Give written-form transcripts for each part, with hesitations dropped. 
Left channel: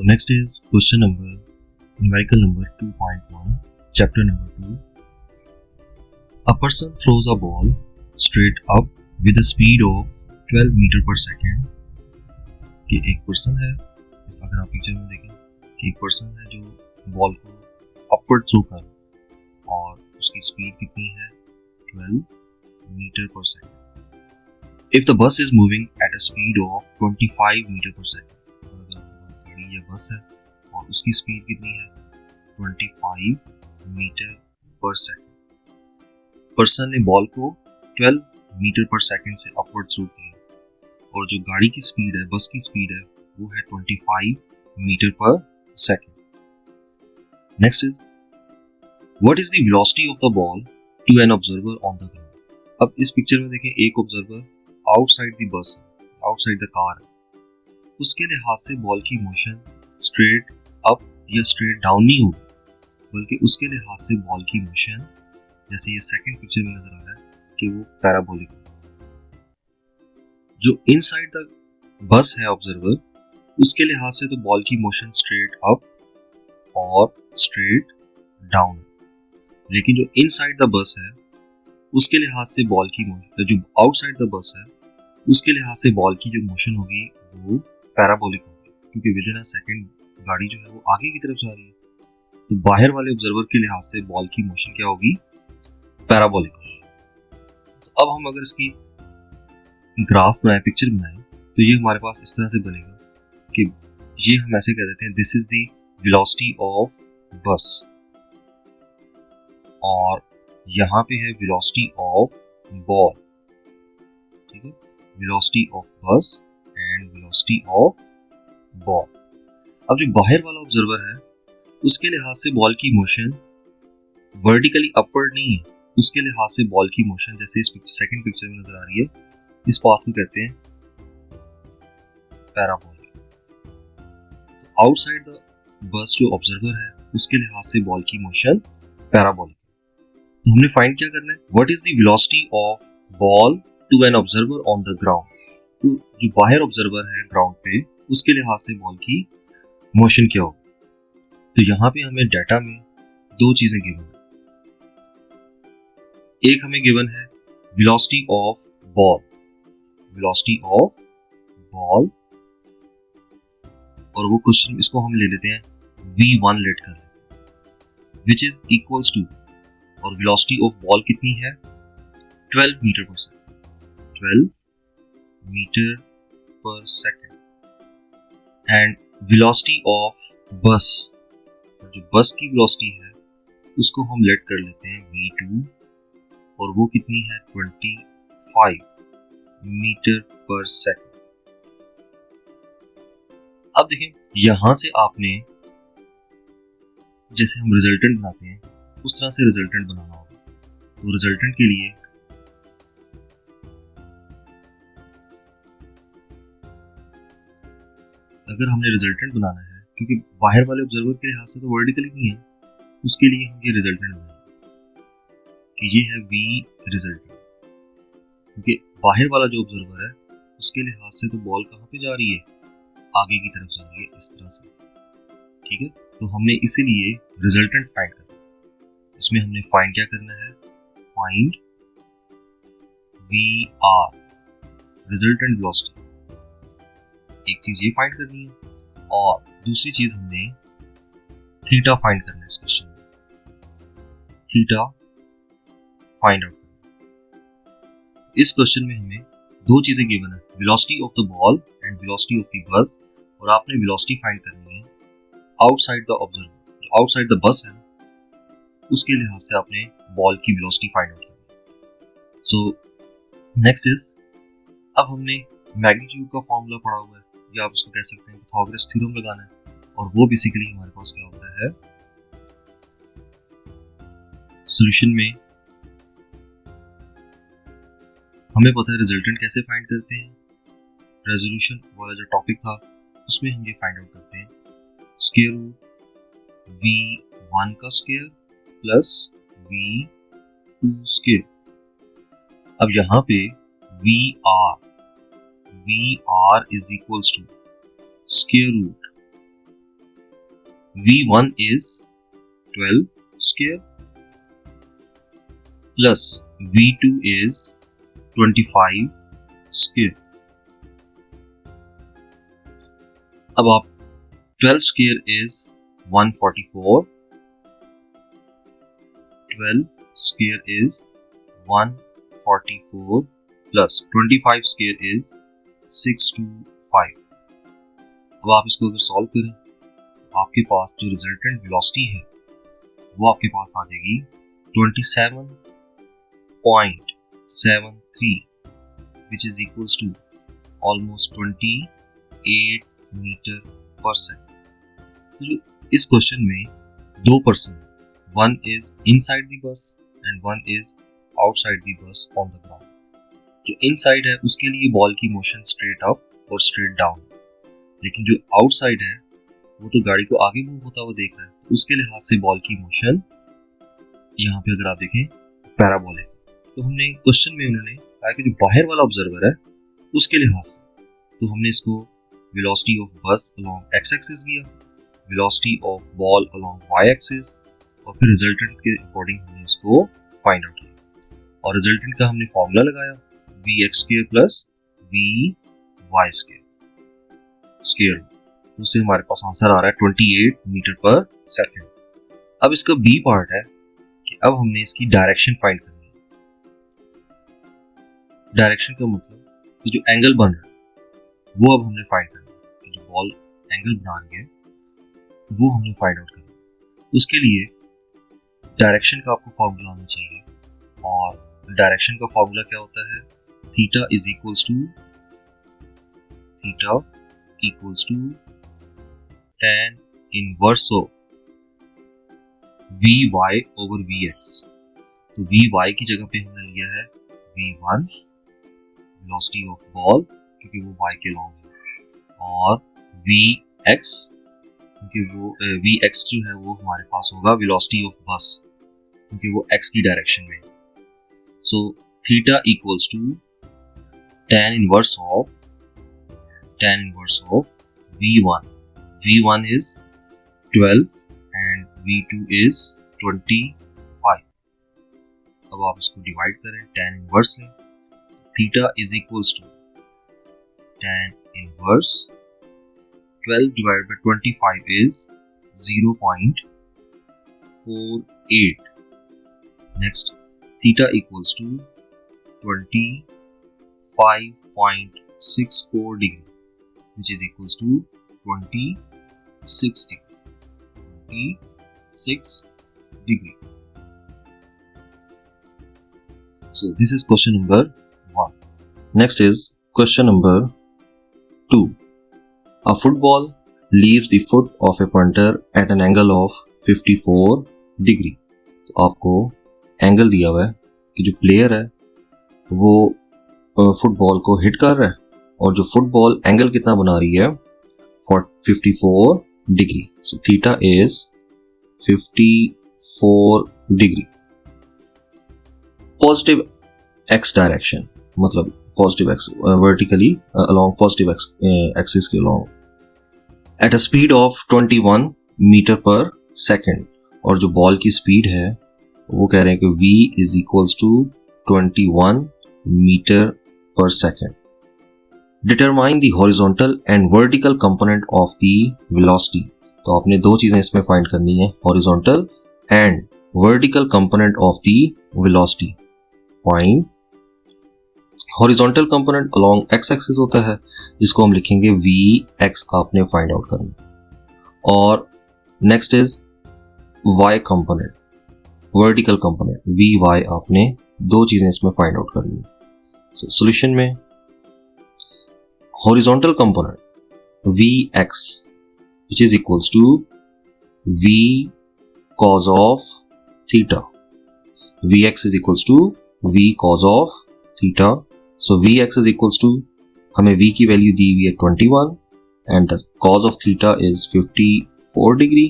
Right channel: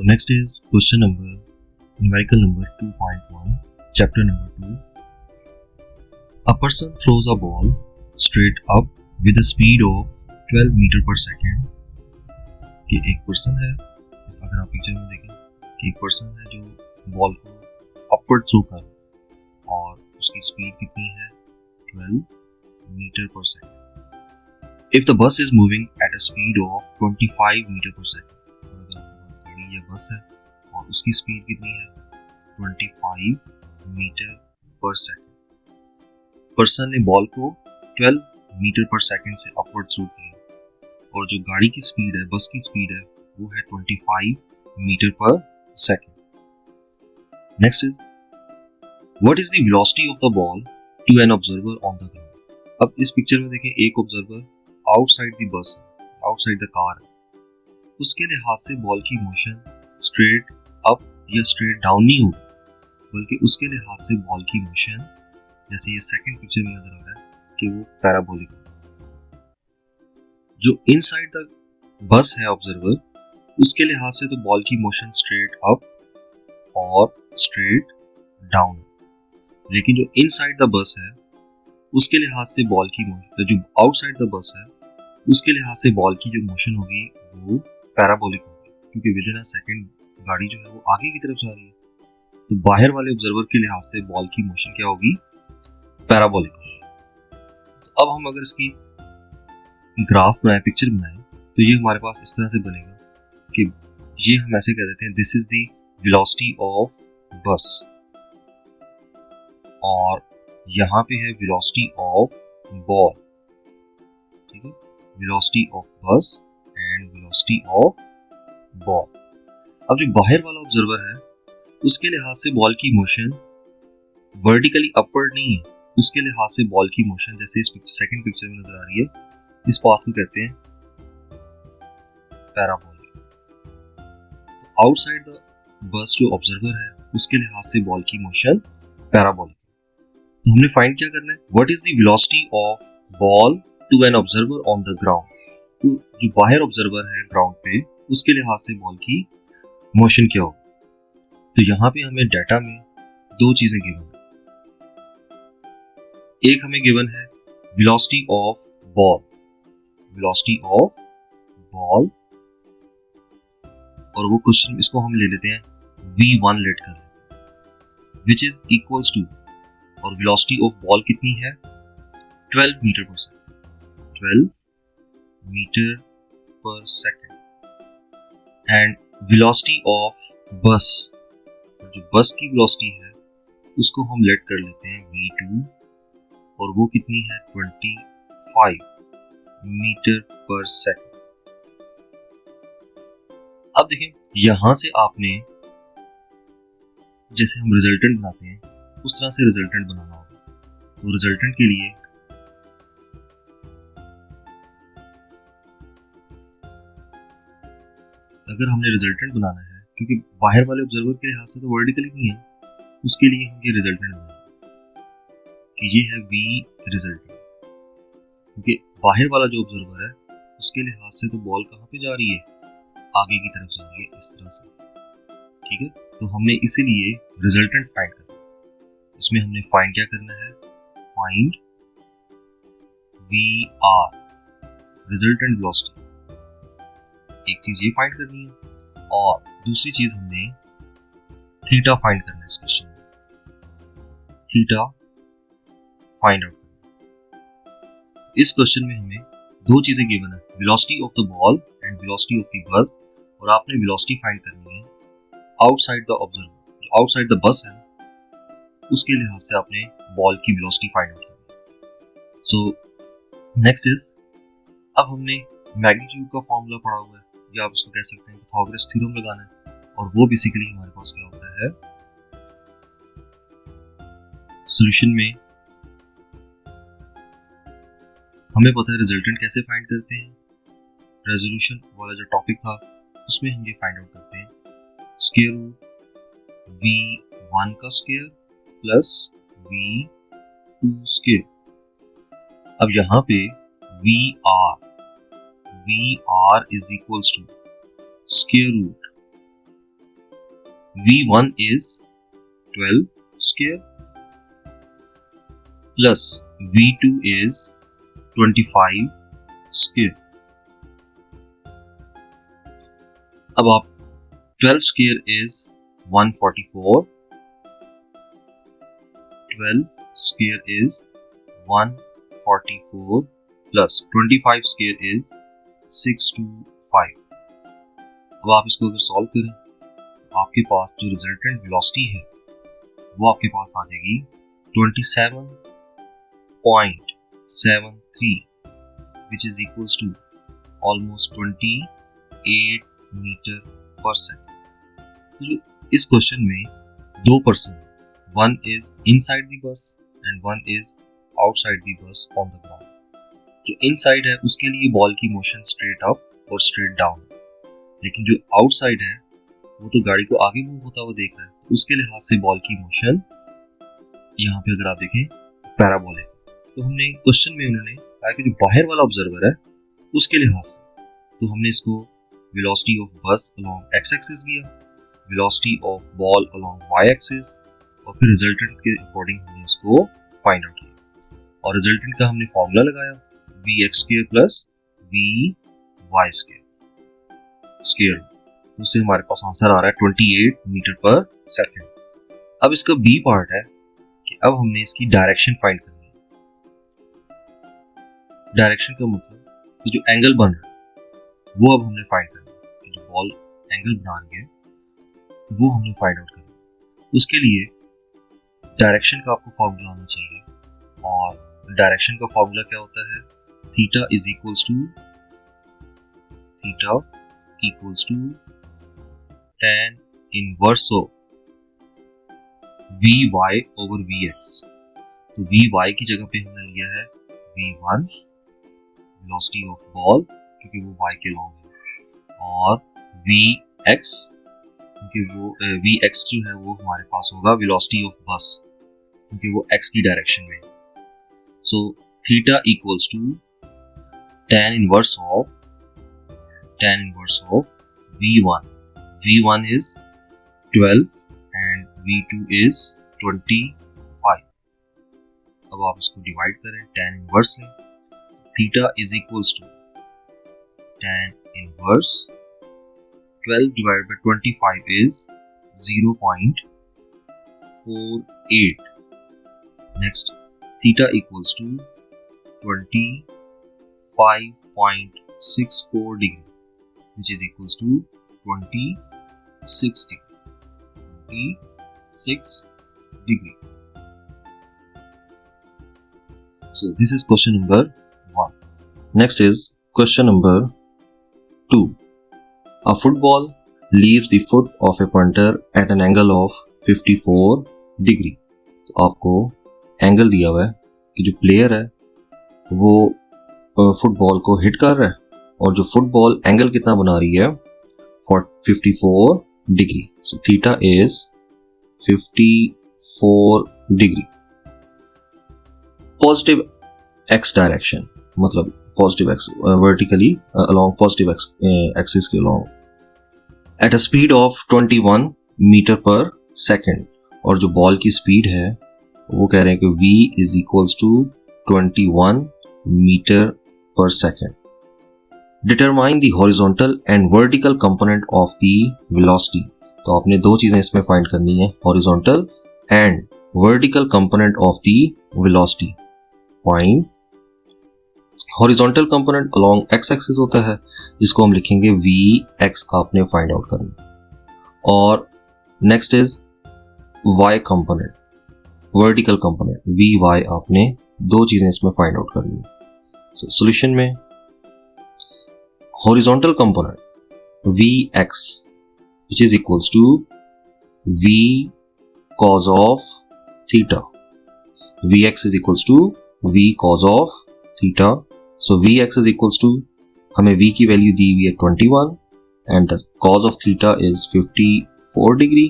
So next is question number numerical number 2.1, chapter number 2. A person throws a ball straight up with a speed of 12 metre per second. कि एक person है, अगर आप picture में देखें कि एक पर्सन है जो बॉल को अपवर्ड थ्रो कर और उसकी स्पीड कितनी है 12 metre per second. If the bus is moving at a speed of 25 metre per second, गाड़ी या बस है और उसकी स्पीड कितनी है 25 मीटर पर सेकेंड. पर्सन ने बॉल को 12 मीटर पर सेकेंड से अपवर्ड थ्रो किया और जो गाड़ी की स्पीड है, बस की स्पीड है, वो है 25 metre per second. Next is what is the velocity of the ball to an observer on the ground. अब इस पिक्चर में देखें, एक ऑब्जर्वर आउटसाइड द बस है, आउटसाइड द कार है. उसके लिहाज से बॉल की मोशन स्ट्रेट अप या स्ट्रेट डाउन नहीं होगी, बल्कि उसके लिहाज से बॉल की मोशन, जैसे ये सेकंड पिक्चर में नजर आ रहा है कि वो पैराबोलिक है. जो इनसाइड द बस है ऑब्जर्वर, उसके लिहाज से तो बॉल की मोशन स्ट्रेट अप और स्ट्रेट डाउन है. लेकिन जो इनसाइड द बस है, उसके लिहाज से बॉल की मोशन, जो आउटसाइड द बस है, उसके लिहाज से बॉल की जो मोशन होगी वो पैराबोलिक होगी, क्योंकि विद इन अ सेकंड गाड़ी जो है वो आगे की तरफ जा रही है. तो बाहर वाले ऑब्जर्वर के लिहाज से बॉल की मोशन क्या होगी, पैराबोलिक होगी. अब हम अगर इसकी ग्राफ बनाए, पिक्चर बनाए, तो ये हमारे पास इस तरह से बनेगा कि ये हम ऐसे कह देते हैं this is the velocity of बस, और यहाँ पे है वेलोसिटी ऑफ बॉल. ठीक है, वेलोसिटी ऑफ बस एंड वेलोसिटी ऑफ बॉल. अब जो बाहर वाला ऑब्जर्वर है, उसके लिहाज से बॉल की मोशन वर्टिकली अपवर्ड नहीं है, उसके लिहाज से बॉल की मोशन जैसे इस सेकंड पिक्चर में नजर आ रही है, इस पाथ को कहते हैं पैराबोलिक. तो आउटसाइड द बस जो ऑब्जर्वर है, उसके लिहाज से बॉल की मोशन पैराबोलिक. तो हमने फाइंड क्या करना है, what is the velocity of ball to an observer on the ground. जो बाहर ऑब्जर्वर है ग्राउंड पे, उसके लिहाज से बॉल की मोशन क्या होगी. तो यहाँ पे हमें डाटा में दो चीजें गिवन है. एक हमें गिवन है velocity of ball, velocity of ball, और वो क्वेश्चन इसको हम ले लेते हैं v1 लेट कर लेते हैं, which is equals to, और वेलोसिटी ऑफ बॉल कितनी है 12 मीटर पर सेकंड, 12 मीटर पर सेकंड. एंड वेलोसिटी ऑफ बस, जो बस की वेलोसिटी है उसको हम लेट कर लेते हैं v2, और वो कितनी है 25 मीटर पर सेकंड. अब देखिए, यहां से आपने जैसे हम रिजल्टेंट बनाते हैं उस तरह से रिजल्टेंट बनाना होगा. तो रिजल्टेंट के लिए अगर हमने रिजल्टेंट बनाना है, क्योंकि बाहर वाले ऑब्जर्वर के लिहाज से तो वर्टिकली नहीं है, उसके लिए हम ये रिजल्टेंट बनाएंगे कि ये है v रिजल्टेंट. क्योंकि बाहर वाला जो ऑब्जर्वर है, उसके लिहाज से तो बॉल कहाँ पे जा रही है, आगे की तरफ जा रही है, इस तरह से. ठीक है, तो हमने इसीलिए रिजल्टेंट फाइंड करना है. इसमें हमने फाइंड क्या करना है, फाइंड VR, रिजल्टेंट वेलोसिटी. एक चीज ये फाइंड करनी है, और दूसरी चीज हमने थीटा फाइंड करना है. इस क्वेश्चन में थीटा फाइंड आउट. इस क्वेश्चन में हमें दो चीजें गिवन है, velocity of the ball and velocity of the bus, और आपने वेलोसिटी फाइंड करनी है आउटसाइड द ऑब्जर्वर. जो आउटसाइड द बस है, उसके लिहाज से आपने बॉल की वेलोसिटी फाइंड करनी है. सो नेक्स्ट इज, अब हमने मैग्नीट्यूड का फॉर्मूला पढ़ा हुआ है, या आप उसको कह सकते हैं पाइथागोरस थ्योरम लगाना है, और वो बेसिकली हमारे पास क्या होता है, सॉल्यूशन में हमें पता है रिजल्टेंट कैसे फाइंड करते हैं. रेजोल्यूशन वाला जो टॉपिक था उसमें हम ये फाइंड आउट करते हैं स्क्वायर रूट v1 का स्क्वायर प्लस v2 स्क्वायर. अब यहाँ पे VR is equals to square root V1 is 12 square plus V2 is 25 square. अब आप 12 square is 144, 12 square is 144 plus 25 square is 625. अब आप इसको अगर सॉल्व करें आपके पास जो रिजल्टेंट वेलोसिटी है वो आपके पास आ जाएगी 27.73 which is equals to almost 28 metre per second. इस क्वेश्चन में दो person, one is inside the bus and one is outside the bus on the ground. जो इनसाइड है उसके लिए बॉल की मोशन स्ट्रेट अप और स्ट्रेट डाउन, लेकिन जो आउटसाइड है वो तो गाड़ी को आगे मूव होता हुआ देख रहा है, तो उसके लिहाज से बॉल की मोशन यहाँ पे अगर आप देखें पैराबोलिक। तो हमने क्वेश्चन में उन्होंने कहा कि जो बाहर वाला ऑब्जर्वर है उसके लिहाज से, तो हमने इसको वेलोसिटी ऑफ बस अलोंग x एक्सिस लिया, velocity of ball along y axis, और फिर रिजल्टेंट के अकॉर्डिंग इसको फाइंड आउट किया और रिजल्टेंट का हमने फॉर्मूला लगाया vx² प्लस vy² स्क्वायर। तो उससे हमारे पास आंसर आ रहा है 28 मीटर पर सेकेंड। अब इसका बी पार्ट है कि अब हमने इसकी डायरेक्शन फाइंड करनी है। डायरेक्शन का मतलब कि जो एंगल बन रहा है वो अब हमने फाइंड करना है, जो बॉल एंगल बना रही है वो हमने फाइंड आउट करना है। उसके लिए डायरेक्शन का आपको फॉर्मूला आना चाहिए, और डायरेक्शन का फॉर्मूला क्या होता है, theta equals to tan inverse of vy over vx। तो vy की जगह पे हमने लिया है v1 वेलोसिटी ऑफ बॉल क्योंकि वो y के लॉन्ग है, और vx क्योंकि वो vx जो है वो हमारे पास होगा वेलोसिटी ऑफ बस क्योंकि वो x की डायरेक्शन में है। So theta equals to tan inverse of v1 is 12 and v2 is 25। अब आप इसको डिवाइड करें, tan इनवर्स में theta is equals to tan inverse 12 divided by 25 is 0.48। next theta equals to 25.64 degree which is equals to 26 degree। So this is question number 1. Next is question number 2. A football leaves the foot of a punter at an angle of 54 degree। तो आपको angle दिया हुआ है कि जो player है वो football को हिट कर रहा है और जो फुटबॉल एंगल कितना बना रही है 54 degree. So theta is 54 degree। Positive x direction मतलब positive x vertically along positive x axis के along at a speed of 21 metre per second, और जो बॉल की स्पीड है वो कह रहे हैं कि v is equals to 21 metre per second. Determine the horizontal and vertical component of the velocity. तो आपने दो चीजें इसमें फाइंड करनी है, horizontal and vertical component of the velocity. Find horizontal component along x axis होता है जिसको हम लिखेंगे vx, आपने फाइंड आउट करना। और next is y component, vertical component vy, आपने दो चीजें इसमें फाइंड आउट करनी है। सो सॉल्यूशन में horizontal component vx which is equals to v cos of theta, vx is equals to v cos of theta। so vx is equals to, हमें v की value दी हुई है 21 and the cos of theta is 54 degree.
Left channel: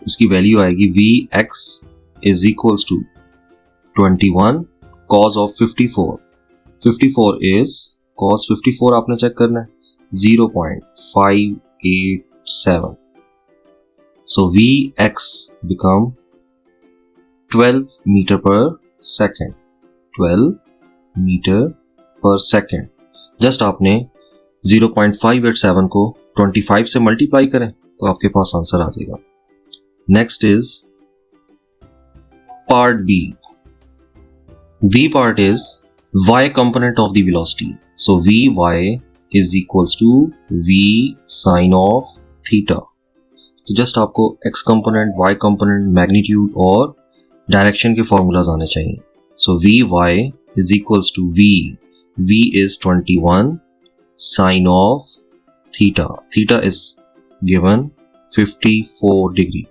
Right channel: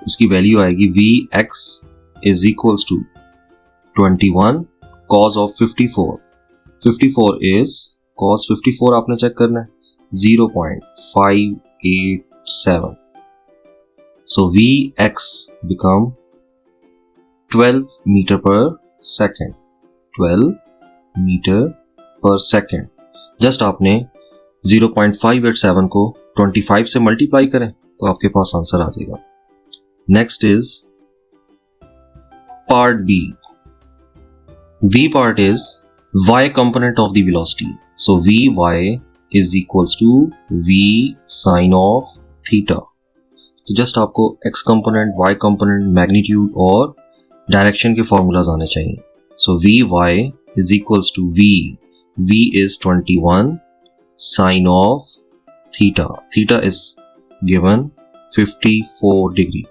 उसकी value आएगी vx is equals to 21 cos of 54 is cos 54 आपने check करना है 0.587। So Vx become 12 meter per second. 12 meter per second. Just आपने 0.587 को 25 से मल्टीप्लाई करें तो आपके पास आंसर आ जाएगा. Next is part B. B part is y component of the velocity. So Vy is equals to V sin of theta. तो just आपको x component, y component, magnitude और डायरेक्शन के फॉर्मूलाज आने चाहिए. So Vy is equals to V is 21 sin of theta. Theta is given 54 degree.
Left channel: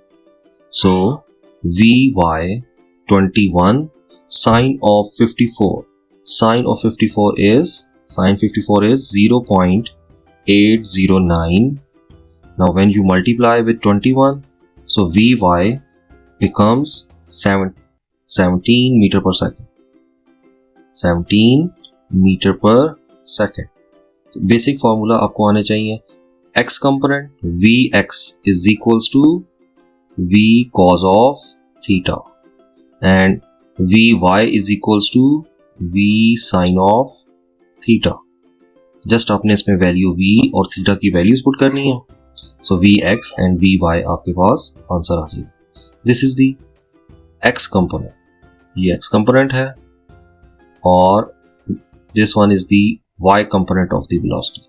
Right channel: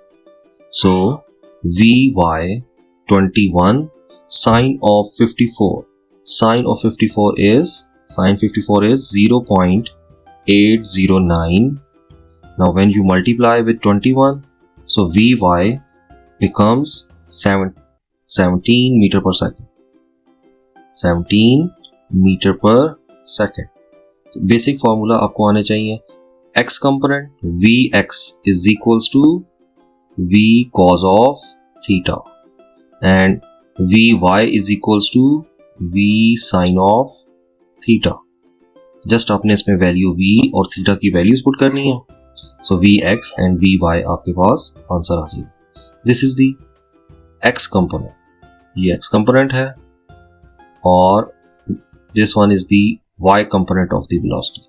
So Vy 21 sine of 54. Sine of 54 is 0.809. Now when you multiply with 21, so Vy becomes 17 meter per second. 17 meter per second. So basic formula आपको आने चाहिए. X component Vx is equals to V cos of theta and Vy is equals to V sin of theta. Just आपने इसमें value V और theta की values put करनी है. सो Vx and Vy आपके पास आंसर आ जाएगा. This is the x component. ये x कंपोनेंट है और this one is the y component of the velocity.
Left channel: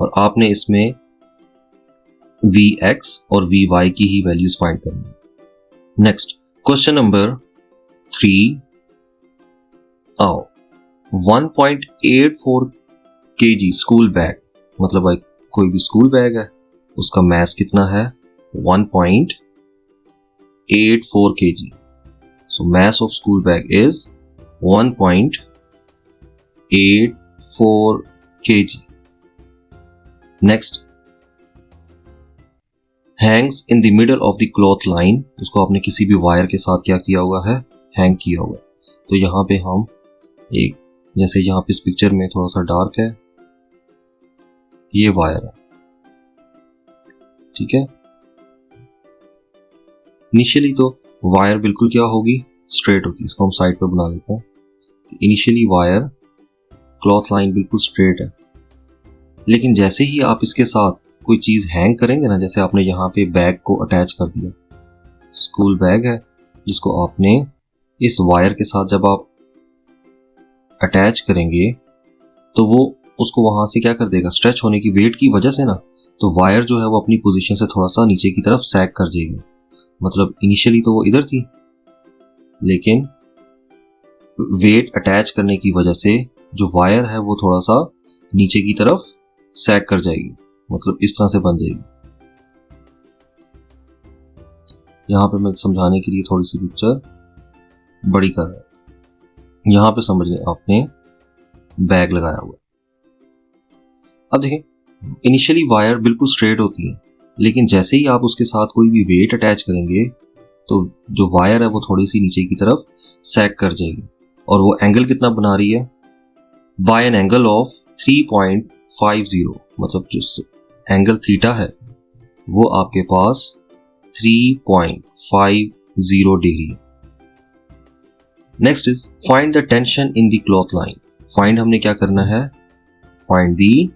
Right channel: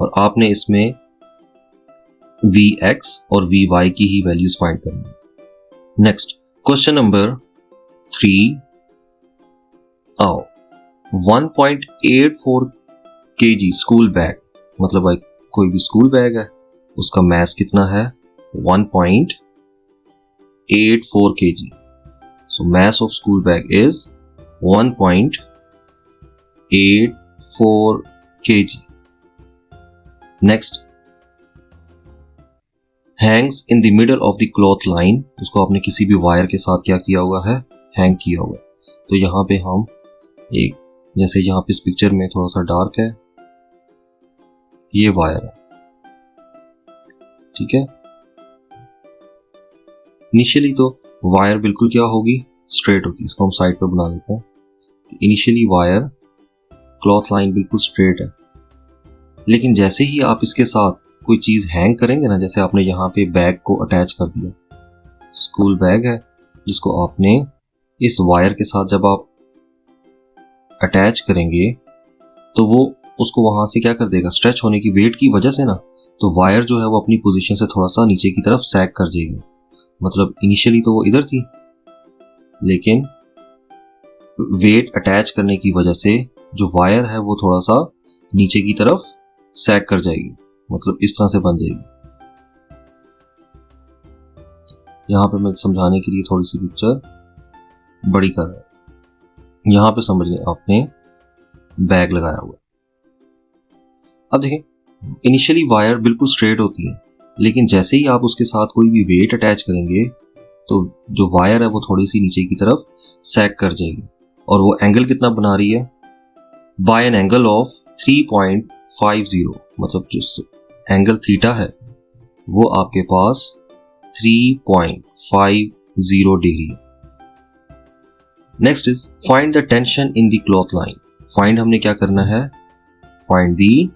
और आपने इसमें Vx और Vy की ही वैल्यूज फाइंड करनी है. Next question number 3. 1.84 kg school bag. मतलब भाई कोई भी स्कूल बैग है उसका मास कितना है 1.84 kg. So mass of school bag is 1.84 kg. Next Hanks in the middle of the cloth line. उसको आपने किसी भी वायर के साथ क्या किया हुआ है, हैंग किया हुआ है. तो यहाँ पे हम एक, जैसे यहाँ पे इस पिक्चर में थोड़ा सा डार्क है, ये वायर है, ठीक है. इनिशियली तो वायर बिल्कुल क्या होगी, स्ट्रेट होगी. इसको साइड पे बना देते हैं. इनिशियली वायर क्लॉथ लाइन बिल्कुल स्ट्रेट है, लेकिन जैसे ही आप इसके साथ कोई चीज हैंग करेंगे ना, जैसे आपने यहाँ पे बैग को अटैच कर दिया, स्कूल बैग है जिसको आपने इस वायर के साथ जब आप अटैच करेंगे तो वो उसको वहां से क्या कर देगा, स्ट्रेच होने की वेट की वजह से ना, तो वायर जो है वो अपनी पोजीशन से थोड़ा सा नीचे की तरफ सैग कर जाएगी. मतलब इनिशियली तो वो इधर थी, लेकिन वेट अटैच करने की वजह से जो वायर है वो थोड़ा सा नीचे की तरफ सैग कर जाएगी. मतलब इस तरह से बन जाएगी. यहां पे मैं समझाने के लिए थोड़ी सी पिक्चर बड़ी कर रहा हूं. यहां पे समझ लें आपने बैग लगाया हुआ. अब देखें, इनिशियली वायर बिल्कुल स्ट्रेट होती है, लेकिन जैसे ही आप उसके साथ कोई भी वेट अटैच करेंगे तो जो वायर है वो थोड़ी सी नीचे की तरफ सैग कर जाएगी. और वो एंगल कितना बना रही है, बाय एन एंगल ऑफ 3.50. मतलब जो एंगल थीटा है वो आपके पास 3.50 degree. Next is find the tension in the cloth line. Find हमने क्या करना है, फाइंड द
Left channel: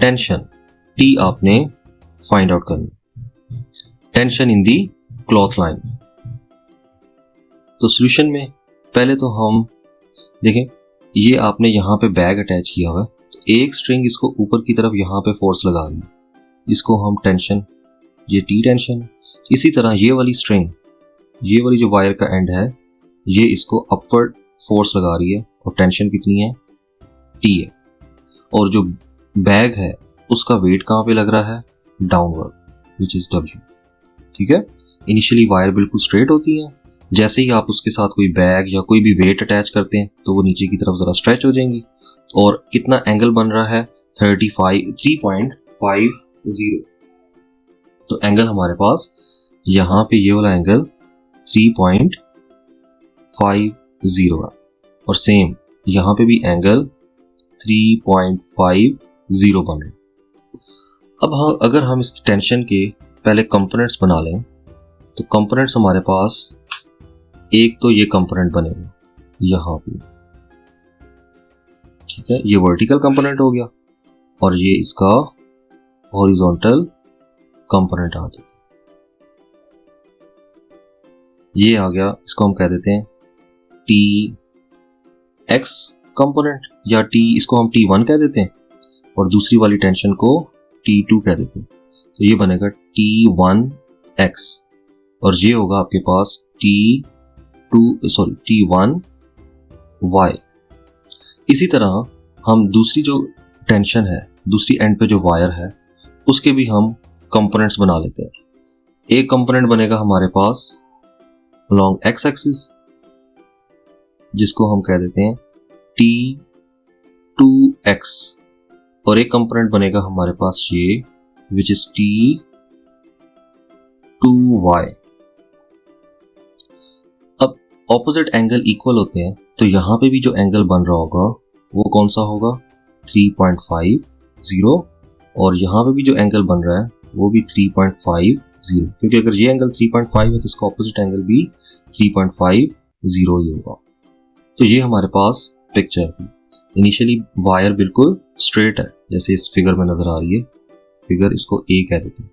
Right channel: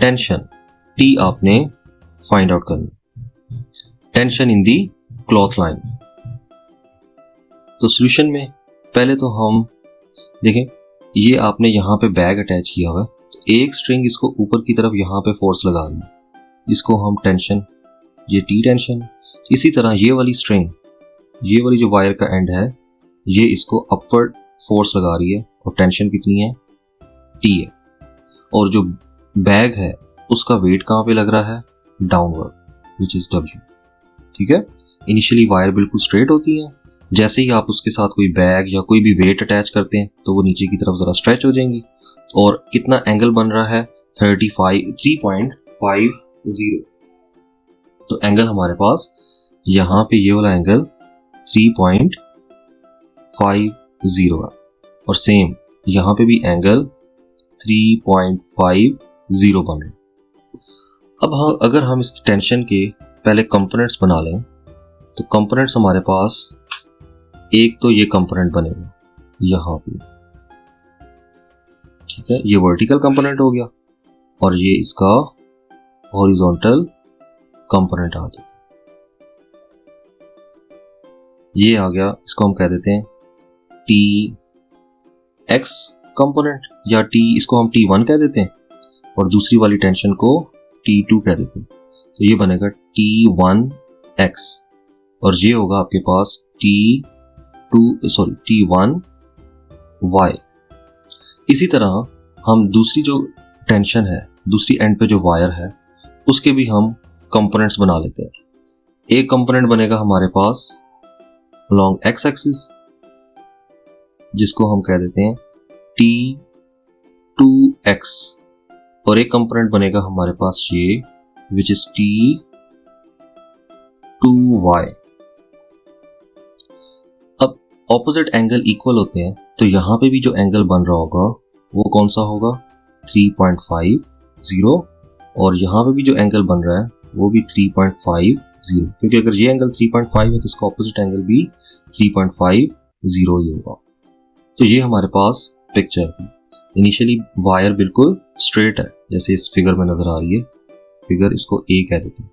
टेंशन. टी आपने फाइंड आउट करना, tension in the cloth line. तो सॉल्यूशन में पहले तो हम देखें, ये आपने यहाँ पे बैग अटैच किया हुआ है, तो एक स्ट्रिंग इसको ऊपर की तरफ यहाँ पे फोर्स लगा रही है, इसको हम टेंशन, ये टी टेंशन. इसी तरह ये वाली स्ट्रिंग, ये वाली जो वायर का एंड है, ये इसको अपवर्ड फोर्स लगा रही है और टेंशन कितनी है, टी है. और जो बैग है उसका वेट कहाँ पे लग रहा है, डाउनवर्ड, विच इज डब्ल्यू. ठीक है. इनिशियली वायर बिल्कुल स्ट्रेट होती है, जैसे ही आप उसके साथ कोई बैग या कोई भी वेट अटैच करते हैं तो वो नीचे की तरफ जरा स्ट्रेच हो जाएंगी. और कितना एंगल बन रहा है, 3.50. तो एंगल हमारे पास यहाँ पे ये वाला एंगल 3.50 है, और सेम यहाँ पे भी एंगल 3.50 बन रहा है. अब अगर हम इस टेंशन के पहले कंपोनेंट्स बना लें। तो कंपोनेंट्स हमारे पास एक तो ये कंपोनेंट बनेगा यहाँ पे, ठीक है, ये वर्टिकल कंपोनेंट हो गया और ये इसका हॉरिजॉन्टल कंपोनेंट आ जाता है। ये आ गया, इसको हम कह देते हैं टी एक्स कंपोनेंट, या टी, इसको हम T1 कह देते हैं और दूसरी वाली टेंशन को T2 कह देते हैं। तो ये बनेगा T1x और ये होगा आपके पास T1y। इसी तरह हम दूसरी जो टेंशन है, दूसरी एंड पे जो वायर है, उसके भी हम कंपोनेंट्स बना लेते हैं। एक कंपोनेंट बनेगा हमारे पास along x एक्सिस, जिसको हम कह देते हैं T2x, और एक कंपोनेंट बनेगा हमारे पास ये विच इज T2y। अब ऑपोजिट एंगल इक्वल होते हैं, तो यहां पे भी जो एंगल बन रहा होगा वो कौन सा होगा, 3.50, और यहां पे भी जो एंगल बन रहा है वो भी 3.50, क्योंकि अगर ये एंगल 3.5 है तो इसका ऑपोजिट एंगल भी 3.50 ही होगा। तो ये हमारे पास पिक्चर है। इनिशियली वायर बिल्कुल स्ट्रेट है, जैसे इस फिगर में नजर आ रही है, फिगर इसको ए कह देते हैं।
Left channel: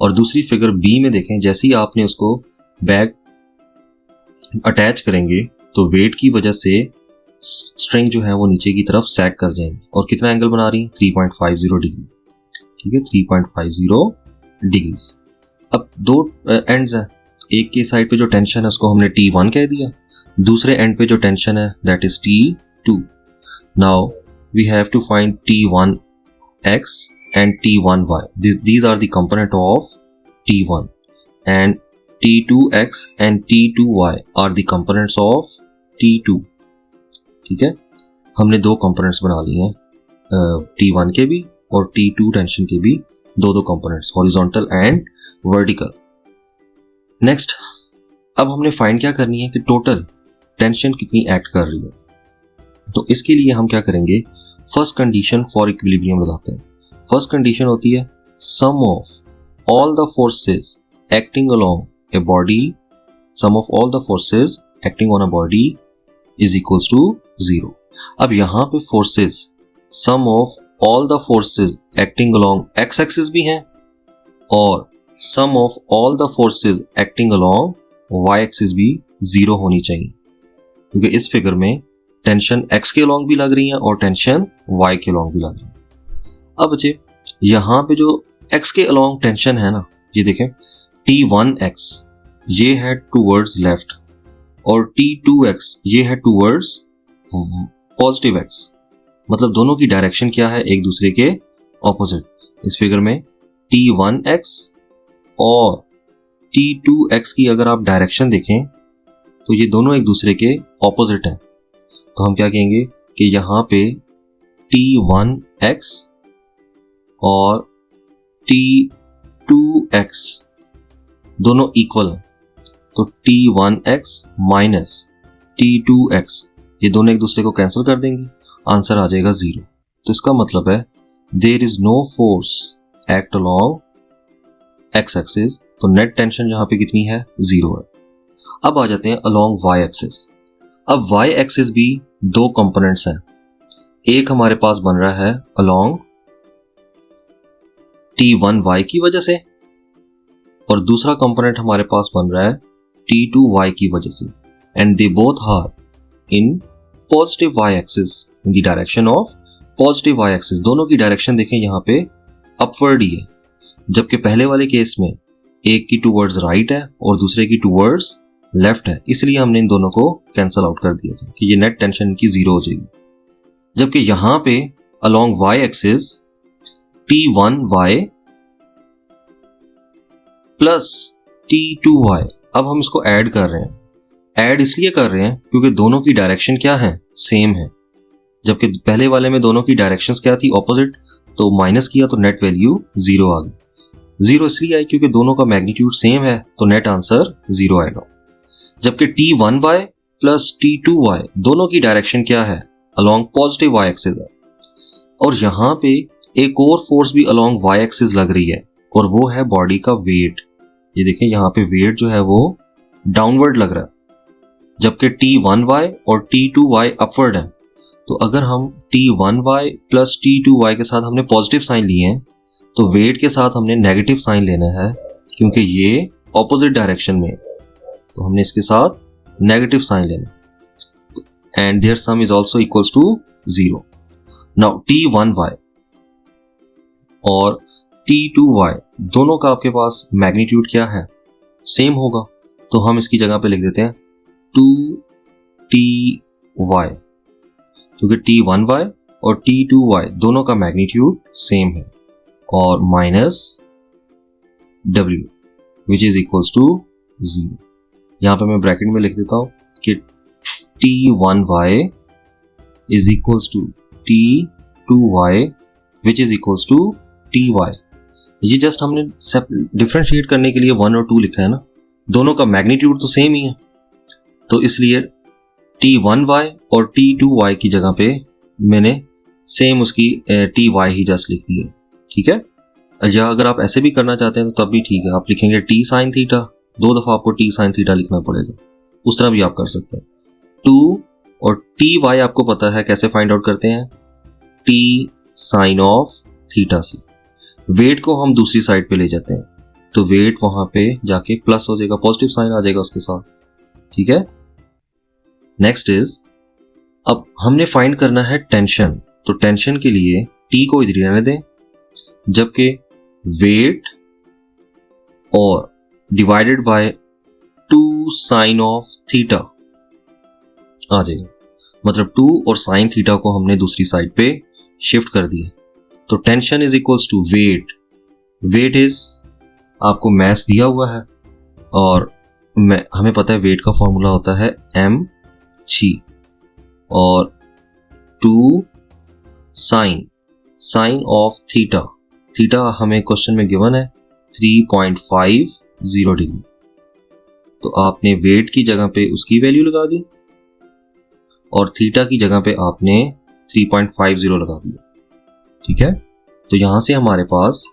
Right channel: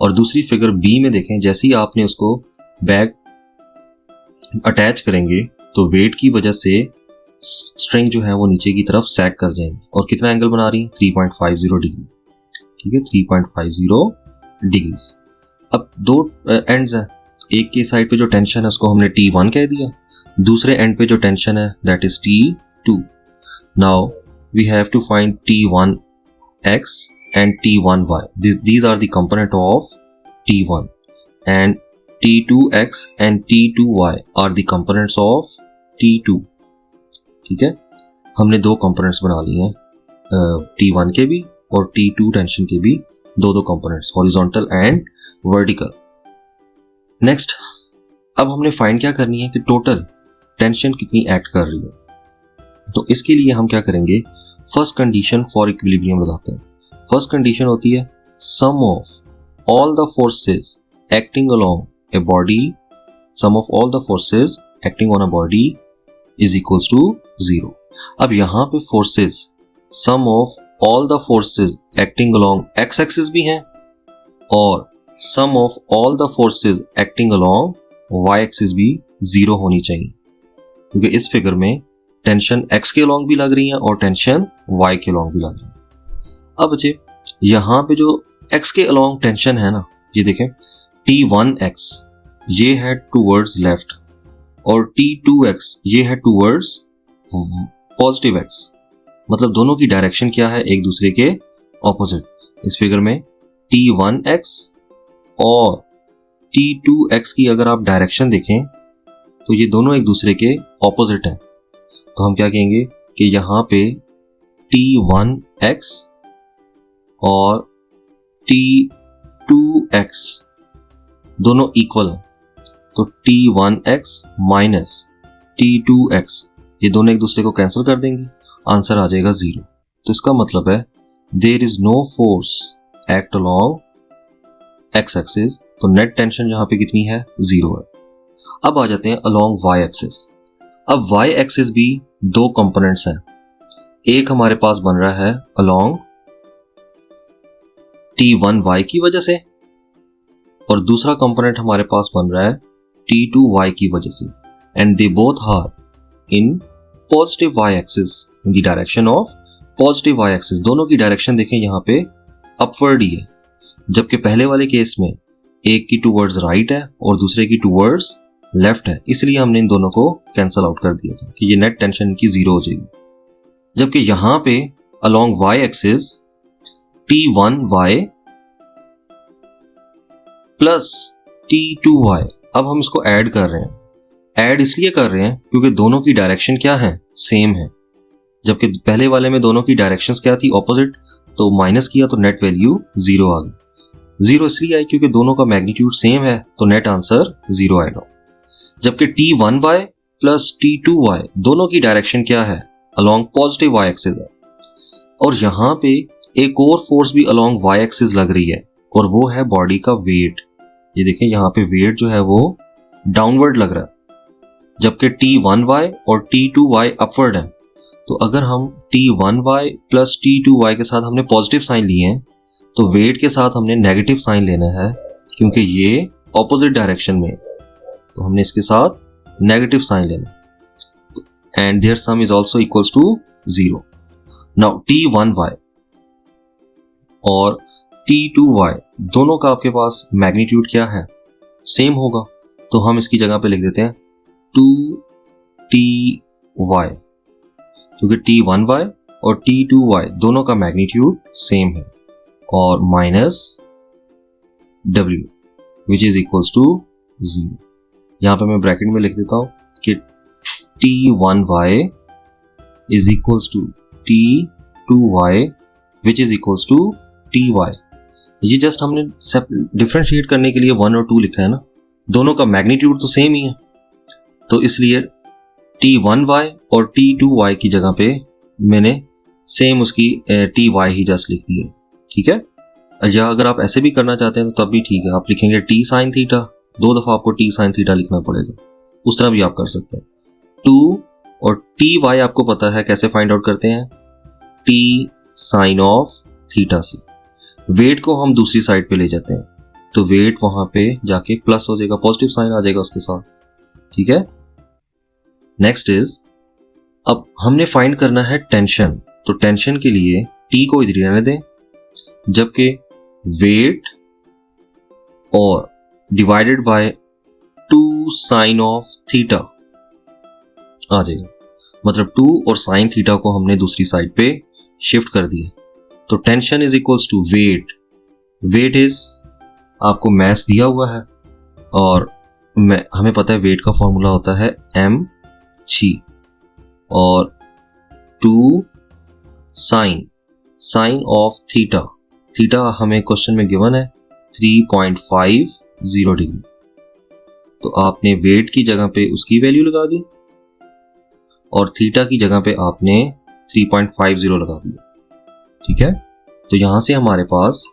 और दूसरी फिगर बी में देखें, जैसे ही आपने उसको बैग अटैच करेंगे तो वेट की वजह से स्ट्रिंग जो है वो नीचे की तरफ सैग कर जाएंगे। और कितना एंगल बना रही है, 3.50 डिग्री, ठीक है, 3.50 डिग्री। अब दो एंड्स हैं, एक की साइड पे जो टेंशन है उसको हमने T1 कह दिया, दूसरे एंड पे जो टेंशन है that is T2। Now we have to find T1x and T1y. These are the component of T1, and T2x and T2y are the components of T2। ठीक है, हमने दो कंपोनेंट्स बना लिए हैं, T1 के भी और T2 टेंशन के भी दो components, horizontal and vertical. Next, अब हमने फाइंड क्या करनी है कि टोटल टेंशन कितनी एक्ट कर रही है। तो इसके लिए हम क्या करेंगे, फर्स्ट कंडीशन फॉर इक्विलिब्रियम लगाते हैं। फर्स्ट कंडीशन होती है sum of all the forces acting along a body, sum of all the forces acting on a body is equals to 0। अब यहाँ पे forces, sum of all the forces acting along X axis भी है और sum of all the forces acting along Y axis भी 0 होनी चाहिए, क्योंकि इस फिगर में टेंशन x के अलोंग भी लग रही है और टेंशन y के अलोंग भी लग रही है। अब बच्चे, यहाँ पे जो x के अलोंग टेंशन है ना, ये देखें T1x ये है टूवर्ड्स लेफ्ट और T2x ये है टूवर्ड्स पॉजिटिव x, मतलब दोनों की डायरेक्शन क्या है, एक दूसरे के ऑपोजिट। इस फिगर में T1x और T2x की अगर आप डायरेक्शन देखें तो ये दोनों एक दूसरे के ऑपोजिट हैं। तो हम क्या कहेंगे कि यहाँ पे T1x और T2x दोनों इक्वल हैं, तो T1x माइनस T2x ये दोनों एक दूसरे को कैंसिल कर देंगे, आंसर आ जाएगा 0। तो इसका मतलब है there is no force act along x axis, तो नेट टेंशन यहाँ पे कितनी है, 0 है। अब आ जाते हैं अलोंग y एक्सिस। अब y एक्सिस भी दो कंपोनेंट्स हैं, एक हमारे पास बन रहा है अलोंग T1y की वजह से और दूसरा कंपोनेंट हमारे पास बन रहा है T2y की वजह से, and they both are in positive y axis, in the direction of positive y axis. दोनों की डायरेक्शन देखें यहाँ पे अपवर्ड ही है, जबकि पहले वाले केस में एक की टूवर्ड्स राइट है और दूसरे की टूवर्ड्स लेफ्ट है, इसलिए हमने इन दोनों को कैंसिल आउट कर दिया था कि ये नेट टेंशन की 0 हो जाएगी। जबकि यहाँ पे along y axis T1y plus T2y, अब हम इसको ऐड कर रहे हैं। ऐड इसलिए कर रहे हैं क्योंकि दोनों की डायरेक्शन क्या है, सेम है, जबकि पहले वाले में दोनों की डायरेक्शंस क्या थी, ऑपोजिट। तो माइनस किया तो नेट वैल्यू 0 आ गई। 0 इसलिए आई क्योंकि दोनों का मैग्नीट्यूड सेम है, तो नेट आंसर 0 आएगा। जबकि T1y प्लस T2y दोनों की डायरेक्शन क्या है, अलोंग पॉजिटिव y एक्सिस है, और यहाँ पे एक और फोर्स भी अलोंग y एक्सिस लग रही है, और वो है बॉडी का वेट। ये देखिए यहाँ पे वेट जो है वो डाउनवर्ड लग रहा है, जबकि T1y और T2y अपवर्ड है। तो अगर हम T1y प्लस T2y के साथ हमने पॉजिटिव साइन लिए हैं, तो वेट के साथ हमने नेगेटिव साइन लेना है, क्योंकि ये ऑपोजिट डायरेक्शन में है, तो हमने इसके साथ नेगेटिव साइन लेना। And their sum is also equals to 0। Now T1y और T2y दोनों का आपके पास मैग्नीट्यूड क्या है, सेम होगा, तो हम इसकी जगह पे लिख देते हैं 2Ty, क्योंकि T1y और T2y दोनों का मैग्नीट्यूड सेम है, और minus W which is equals to 0। यहां पे मैं ब्रैकेट में लिख देता हूं कि T1y is equals to T2y which is equals to Ty। ये जस्ट हमने सब डिफरेंशिएट करने के लिए 1 और 2 लिखा है ना, दोनों का मैग्नीट्यूड तो सेम ही है, तो इसलिए T1y और T2y की जगह पे मैंने सेम उसकी Ty ही जस्ट लिख दी है, ठीक है। या अगर आप ऐसे भी करना चाहते हैं तो तब भी ठीक है, आप लिखेंगे T sin थीटा, 2 दफा आपको T sin थीटा लिखना पड़ेगा, उस तरह भी आप कर सकते हैं। 2 और Ty आपको पता है कैसे फाइंड आउट करते हैं, T sin ऑफ थीटा से। वेट को हम दूसरी साइड पे ले जाते हैं, तो वेट वहां पे जाके प्लस हो जाएगा, पॉजिटिव साइन आ जाएगा उसके साथ, ठीक है। नेक्स्ट इज, अब हमने फाइंड करना है टेंशन, तो टेंशन के लिए T को इधर रहने दें, जबकि वेट और divided by 2 sine of theta आ जाएगा, मतलब 2 और साइन थीटा को हमने दूसरी साइड पे शिफ्ट कर दिया। तो tension is equals to weight, weight is आपको मैस दिया हुआ है, और हमें पता है वेट का फॉर्मूला होता है mg, और 2 साइन ऑफ थीटा, थीटा हमें क्वेश्चन में गिवन है 3.50 डिग्री, तो आपने वेट की जगह पे उसकी वैल्यू लगा दी और थीटा की जगह पे आपने 3.50 लगा दिया, ठीक है। तो यहां से हमारे पास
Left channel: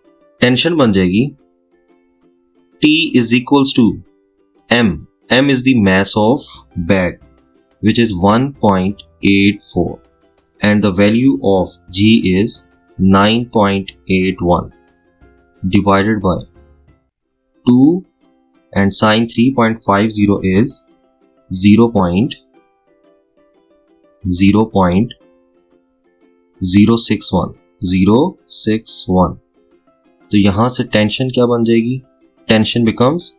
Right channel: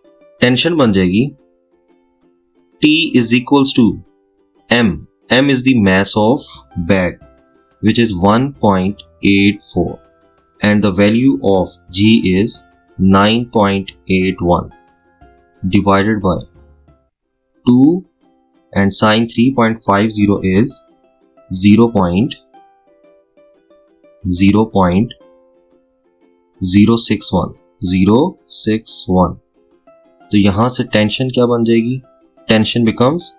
टेंशन बन जाएगी T is equals to m is the mass of bag which is 1.84 and the value of G is 9.81 divided by 2 and sin 3.50 is 0.061 तो यहां से टेंशन क्या बन जाएगी, टेंशन बिकम्स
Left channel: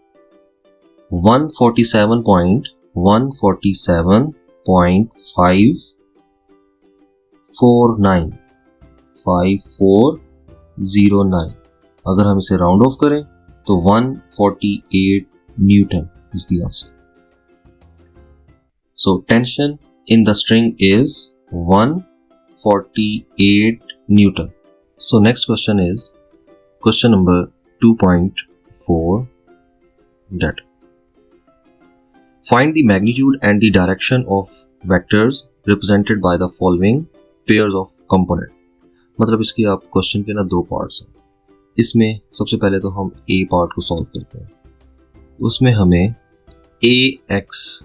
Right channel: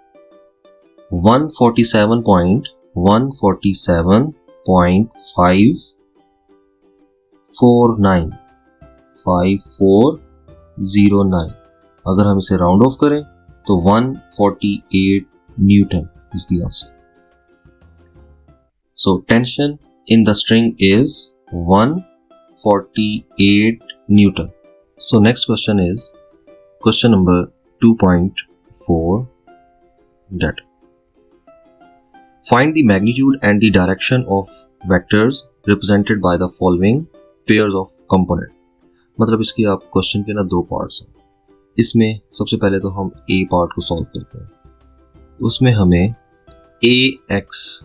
147.147.5409। अगर हम इसे राउंड ऑफ करें तो 148 Newton is the answer. So tension in the string is 148 Newton. So next question is question number 2.4 that find the magnitude and the direction of vectors represented by the following pairs of component। मतलब इसके आप question के ना 2 parts हैं, इसमें सबसे पहले तो हम A पार्ट को सॉल्व करते हैं, उसमें हमें AX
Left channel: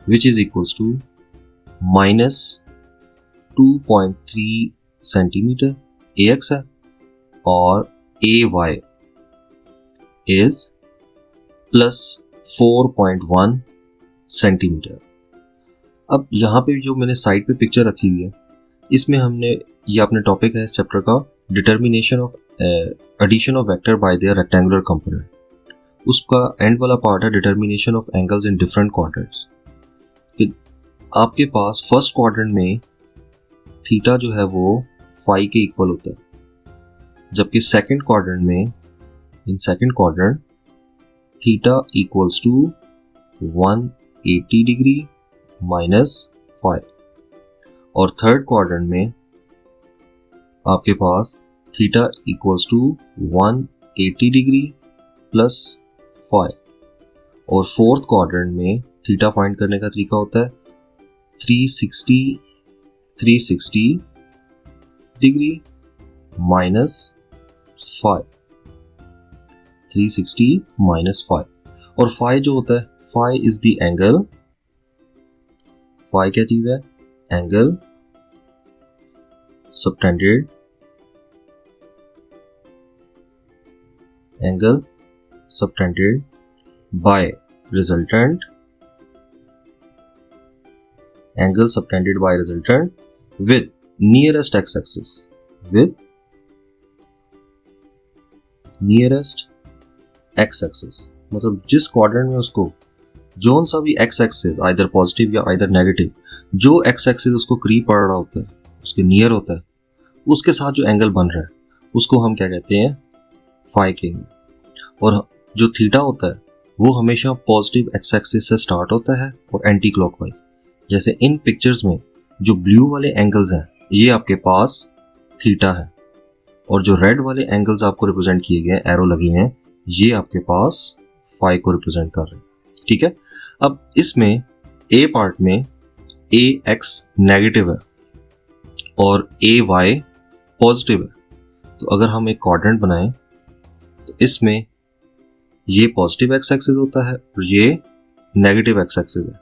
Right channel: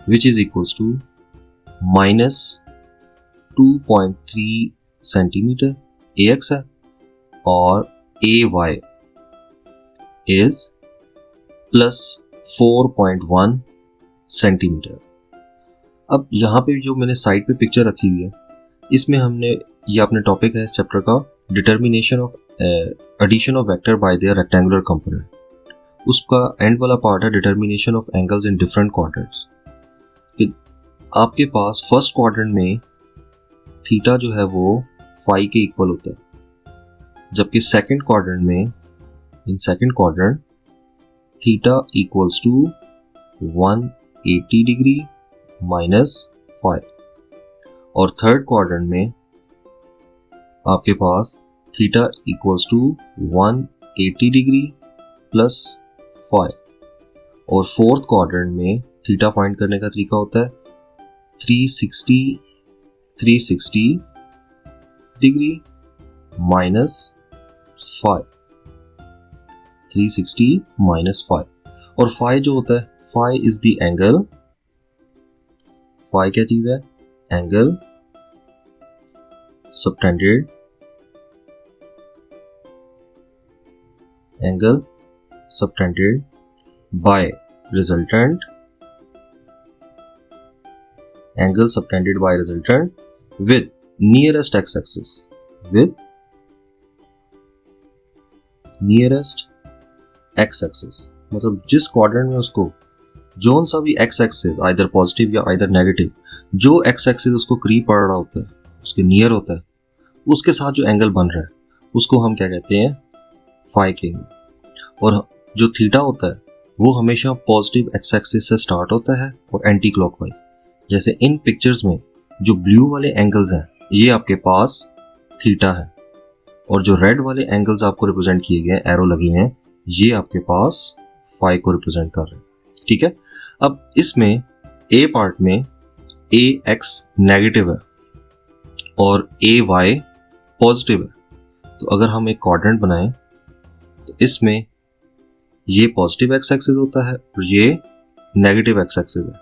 which is equals to minus 2.3 centimetre AX है, और AY is plus 4.1 सेंटीमीटर। अब यहाँ पे जो मैंने साइड पे पिक्चर रखी हुई है, इसमें हमने ये अपने टॉपिक है इस चैप्टर का, determination of addition of vector by their rectangular component. उसका एंड वाला पार्ट है determination of angles in different quadrants. आपके पास फर्स्ट क्वाड्रेंट में थीटा जो है वो फाई के इक्वल होता है, जबकि सेकंड क्वाड्रेंट में, in second quadrant theta equals to 180 degree minus 5, और थर्ड क्वाड्रेंट में आपके पास theta equals to 180 degree plus 5, और फोर्थ क्वाड्रेंट में थीटा फाइंड करने का तरीका होता है 360 डिग्री माइनस 5, 360 माइनस 5, और फाई जो होता है, phi is the angle, phi क्या चीज है, angle subtended, angle subtended by resultant, angle subtended by resultant with nearest x axis, with nearest x axis, मतलब जिस क्वाड्रेंट में उसको जोन सा भी एक्स एक्सिस आइदर पॉजिटिव या आइदर नेगेटिव, जो एक्स एक्सिस उसको करीब पड़ रहा होता है, उसके नियर होता है, उसके साथ जो एंगल बन रहा है उसको हम क्या कहते हैं, फाई कहेंगे। और जो थीटा होता है वो हमेशा पॉजिटिव एक्स एक्सिस से स्टार्ट होता है और एंटी क्लॉकवाइज। जैसे इन पिक्चर्स में जो ब्लू वाले एंगल्स हैं ये आपके पास थीटा है, और जो रेड वाले एंगल्स आपको रिप्रेजेंट किए गए हैं, एरो लगी हैं, ये आपके पास फाई को रिप्रेजेंट कर रहे हैं। ठीक है, अब इसमें ए पार्ट में ए एक्स नेगेटिव है और ए वाई पॉजिटिव है, तो अगर हम एक क्वाड्रेंट बनाएं तो इसमें ये पॉजिटिव एक्स एक्सिस होता है और ये नेगेटिव एक्स एक्सिस है,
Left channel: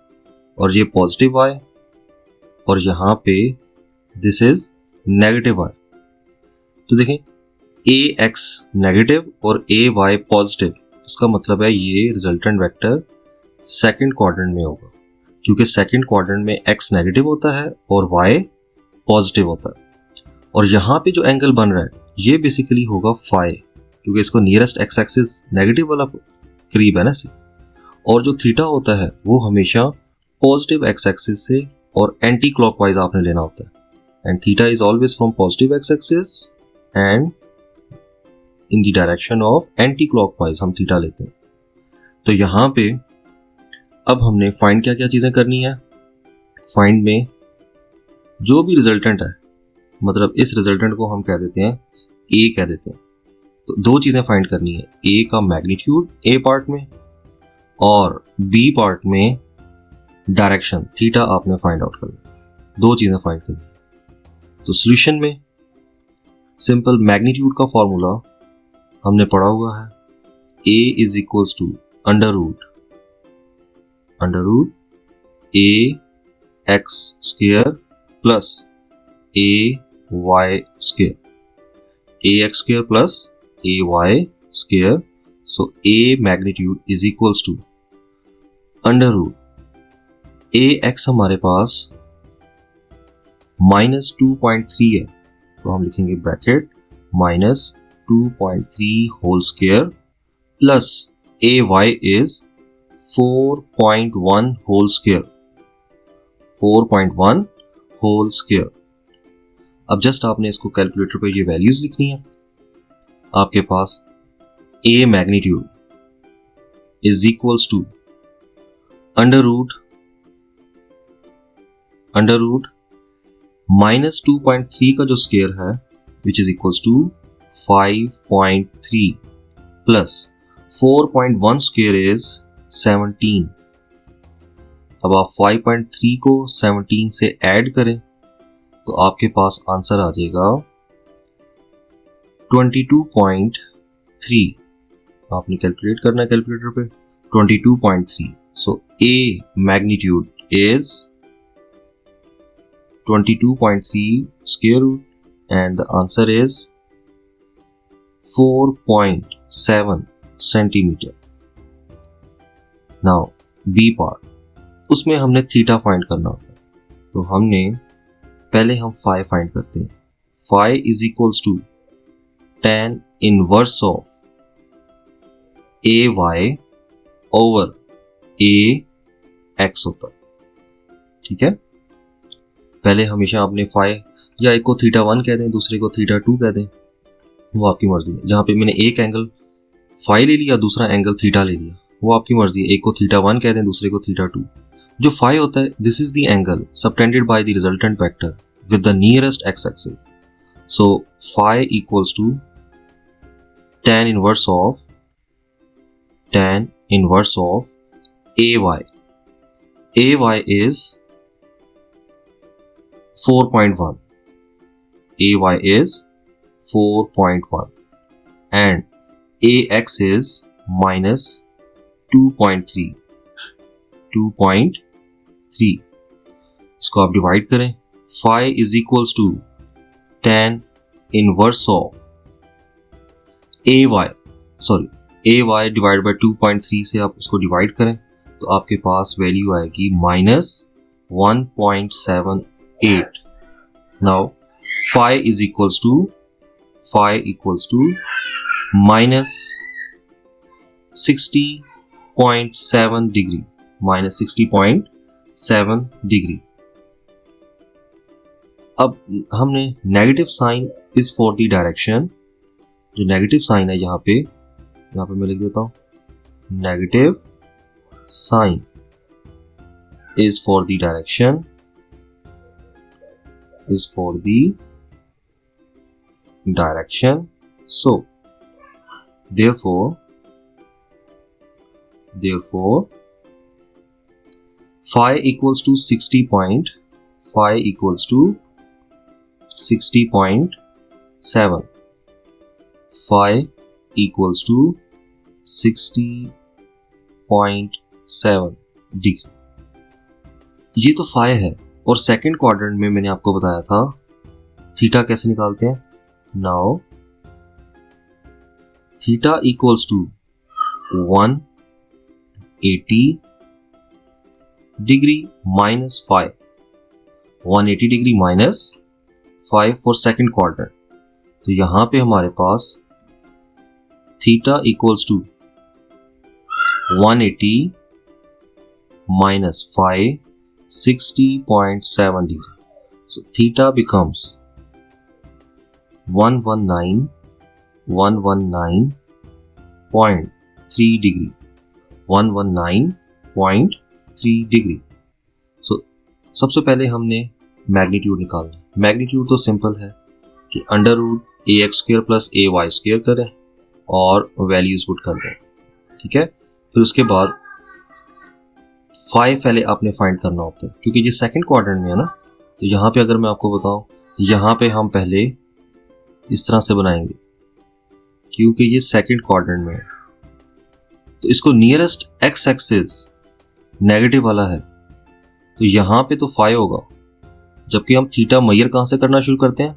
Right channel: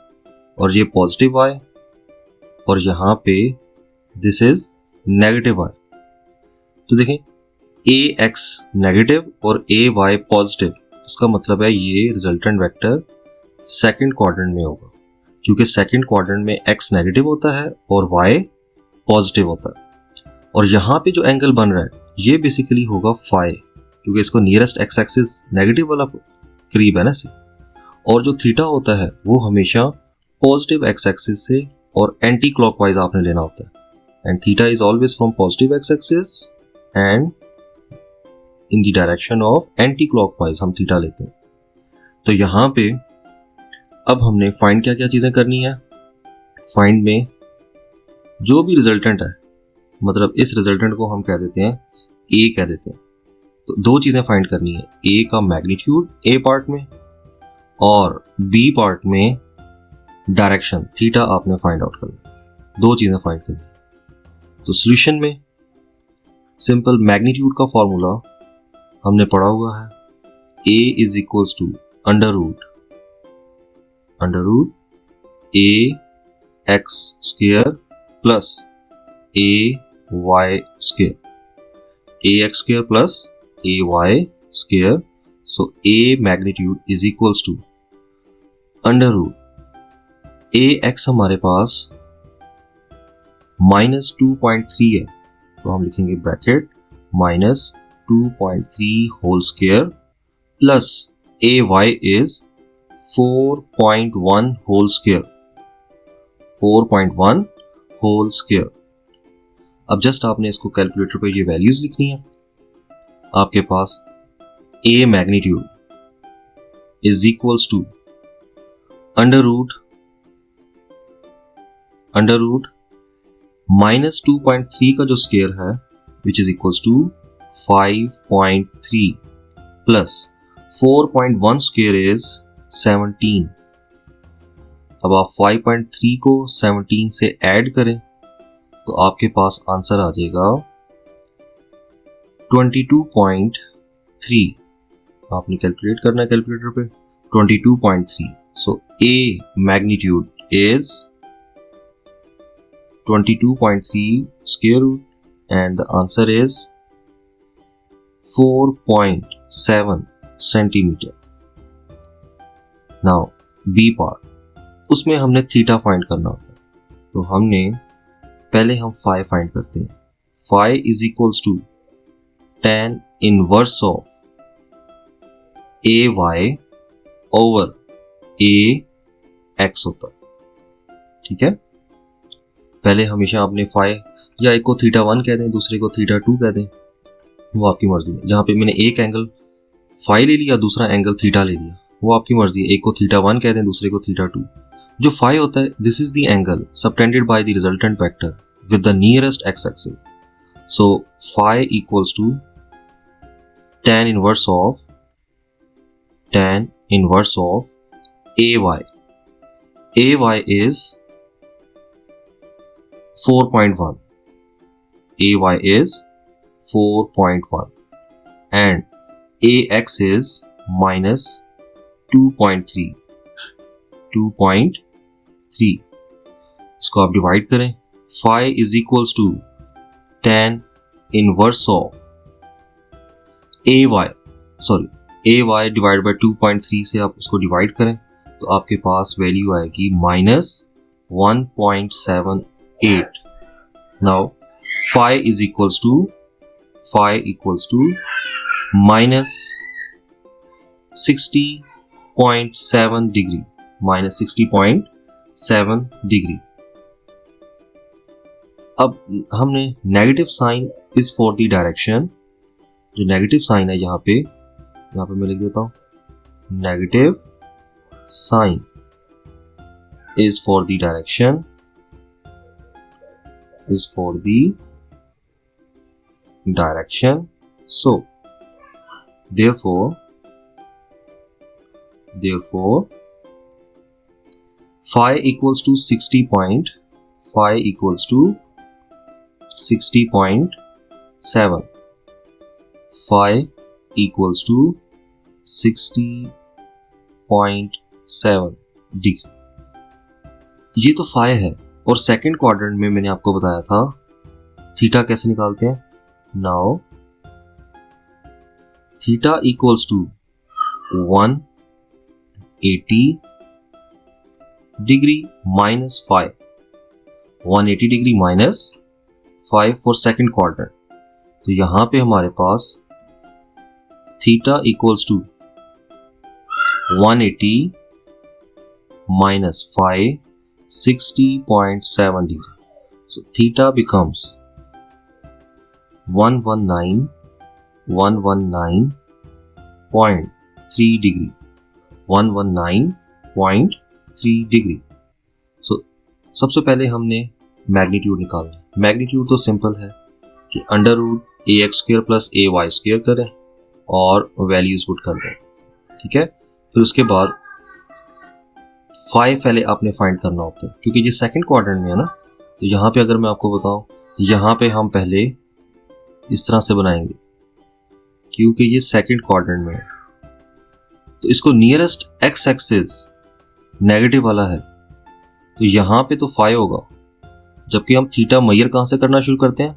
और ये पॉजिटिव वाई और यहाँ पे दिस इज नेगेटिव वाई। तो देखें, ए एक्स नेगेटिव और ए वाई पॉजिटिव, इसका मतलब है ये रिजल्टेंट वेक्टर सेकंड क्वाड्रेंट में होगा, क्योंकि सेकंड क्वाड्रेंट में एक्स नेगेटिव होता है और वाई पॉजिटिव होता है। और यहाँ पे जो एंगल बन रहा है ये बेसिकली होगा फाई, क्योंकि इसको नियरेस्ट एक्स एक्सिस नेगेटिव वाला करीब है ना से, और जो थीटा होता है वो हमेशा पॉजिटिव एक्स एक्सिस से और एंटी क्लॉकवाइज आपने लेना होता है, and theta is always from positive x axis and in the direction of anti clockwise हम थीटा लेते हैं। तो यहाँ पे अब हमने फाइंड क्या क्या चीजें करनी है, फाइंड में जो भी रिजल्टेंट है, मतलब इस रिजल्टेंट को हम कह देते हैं ए कह देते हैं, तो दो चीजें फाइंड करनी है, ए का मैग्नीट्यूड ए पार्ट में और बी पार्ट में डायरेक्शन थीटा आपने फाइंड आउट करना, दो चीजें फाइंड करनी। तो सॉल्यूशन में सिंपल मैग्नीट्यूड का फॉर्मूला हमने पढ़ा हुआ है, a is equals to under root a x square plus a y square, a x square plus a y square. So a magnitude is equals to under root a x हमारे पास -2.3 है, तो हम लिखेंगे bracket -2.3 whole square plus a y is 4.1 whole square, 4.1 whole square. अब just आपने इसको calculator पे ये वैल्यूज लिखनी है। आपके पास a magnitude is equals to under root -2.3 का जो स्क्वायर है which is equals to 5.3 plus 4.1 square is 17। अब आप 5.3 को 17 से ऐड करें तो आपके पास आंसर आ जाएगा 22.3। आपने कैलकुलेट करना है कैलकुलेटर पे 22.3। सो A magnitude is 22.3 square root and the answer is 4.7 centimeter. Now B part, उसमें हमने थीटा फाइंड करना होता है, तो हमने पहले हम फाई फाइंड करते हैं। Phi is equals to tan inverse of A Y over A X होता है। ठीक है, पहले हमेशा आपने फाई या एक को थीटा 1 कह दें, दूसरे को थीटा 2 कह दें, वो आपकी मर्जी है। जहाँ पे मैंने एक एंगल फाई ले लिया, दूसरा एंगल थीटा ले लिया, वो आपकी मर्जी है। एक को थीटा 1 कह दें, दूसरे को थीटा 2। जो फाई होता है this is the angle subtended by the resultant vector with the nearest x axis. So phi equals to tan inverse of AY. AY is 4.1. AY is 4.1 and AX is minus 2.3 इसको आप divide करें. phi is equals to tan inverse of AY divide by 2.3 से आप इसको divide करें तो आपके पास वैल्यू आएगी minus 1.78. Now phi equals to minus 60.7 degree. अब हमने negative sign is for the direction. जो नेगेटिव साइन है यहाँ पे मैं लिख देता हूँ. Negative sign is for the direction so therefore phi equals to 60.7. phi equals to 60.7 degree. ये तो phi है. और सेकंड क्वाड्रेंट में मैंने आपको बताया था थीटा कैसे निकालते हैं. Now theta equals to 180 degree minus 5. 180 degree minus 5 for second quadrant. तो यहां पे हमारे पास theta equals to 180 minus 5 60.7 degree. So theta becomes 119.3 degree. 119.3 degree. So सबसे पहले हमने मैग्नीट्यूड निकालना. मैग्नीट्यूड तो सिंपल है कि under root ax² plus ay² करें और वैल्यूज पुट कर दें. ठीक है. तो इसके बाद phi पहले आपने फाइंड करना होता है क्योंकि ये सेकंड क्वाड्रेंट में है ना. तो यहाँ पे अगर मैं आपको बताऊं यहाँ पे हम पहले इस तरह से बनाएंगे क्योंकि ये सेकंड क्वाड्रेंट में है. तो इसको नियरेस्ट एक्स एक्सिस नेगेटिव वाला है तो यहाँ पे तो phi होगा. जबकि हम थीटा मेजर कहां से करना शुरू करते हैं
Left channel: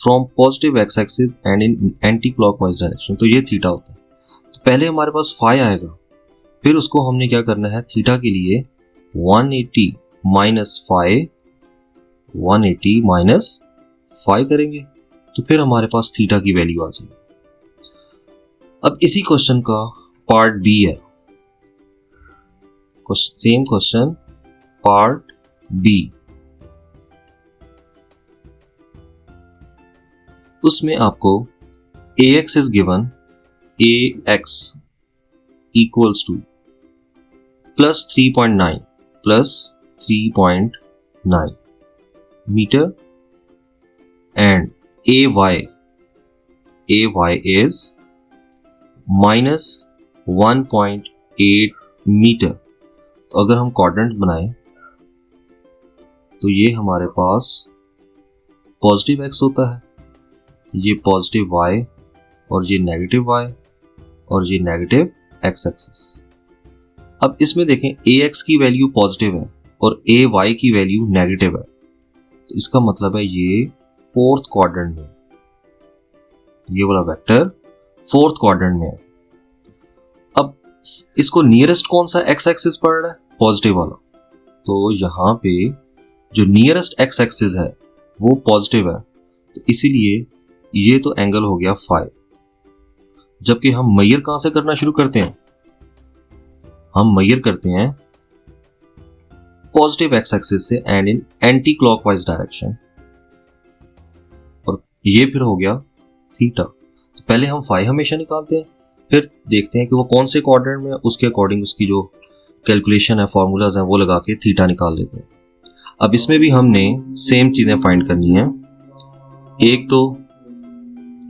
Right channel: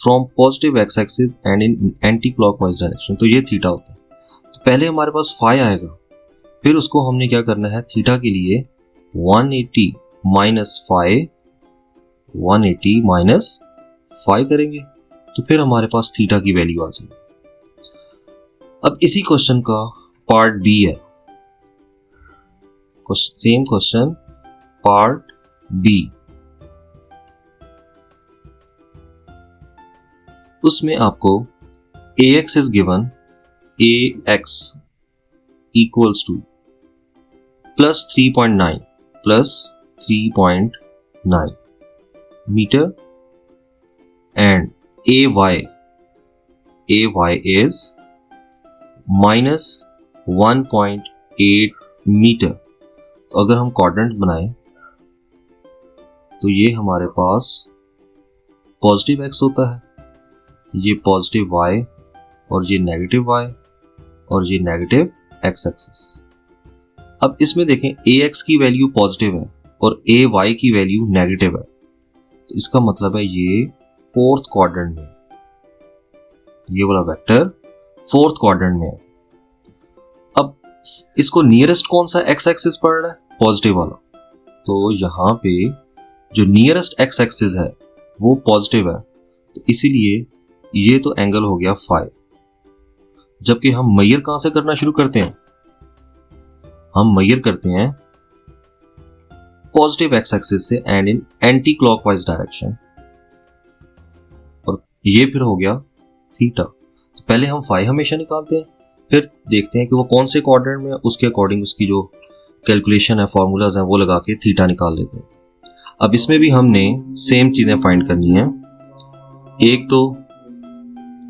from positive x axis and in anti clockwise direction. तो ये थीटा होता है. तो पहले हमारे पास phi आएगा. फिर उसको हमने क्या करना है थीटा के लिए 180 माइनस 5 करेंगे तो फिर हमारे पास थीटा की वैल्यू आ जाएगी. अब इसी क्वेश्चन का पार्ट बी है. Same question part B. उसमें आपको ax is given. ax equals to plus 3.9 meter and ay is minus 1.8 meter. तो अगर हम क्वाड्रेंट बनाएं तो ये हमारे पास पॉजिटिव x होता है, ये पॉजिटिव y और ये नेगेटिव y और ये नेगेटिव x एक्सिस. अब इसमें देखें ax की वैल्यू पॉजिटिव है और ay की वैल्यू नेगेटिव है. तो इसका मतलब है ये फोर्थ क्वाड्रेंट में, ये वाला वेक्टर फोर्थ क्वाड्रेंट में है. अब इसको नियरेस्ट कौन सा x एक्सिस पड़ रहा है? पॉजिटिव वाला. तो यहाँ पे जो नियरेस्ट x एक्सिस है वो पॉजिटिव है तो इसीलिए ये तो एंगल हो गया phi. जबकि हम मेजर कहां से करना शुरू करते हैं? हम मेजर करते हैं पॉजिटिव एक्स एक्सिस से and in anti clockwise direction. और ये फिर हो गया थीटा. तो पहले हम phi हमेशा निकालते हैं फिर देखते हैं कि वो कौन से क्वाड्रेंट में है, उसके अकॉर्डिंग उसकी जो कैलकुलेशन है फॉर्मूलाज है वो लगा के थीटा निकाल लेते हैं. अब इसमें भी हमने सेम चीजें फाइंड करनी है. एक तो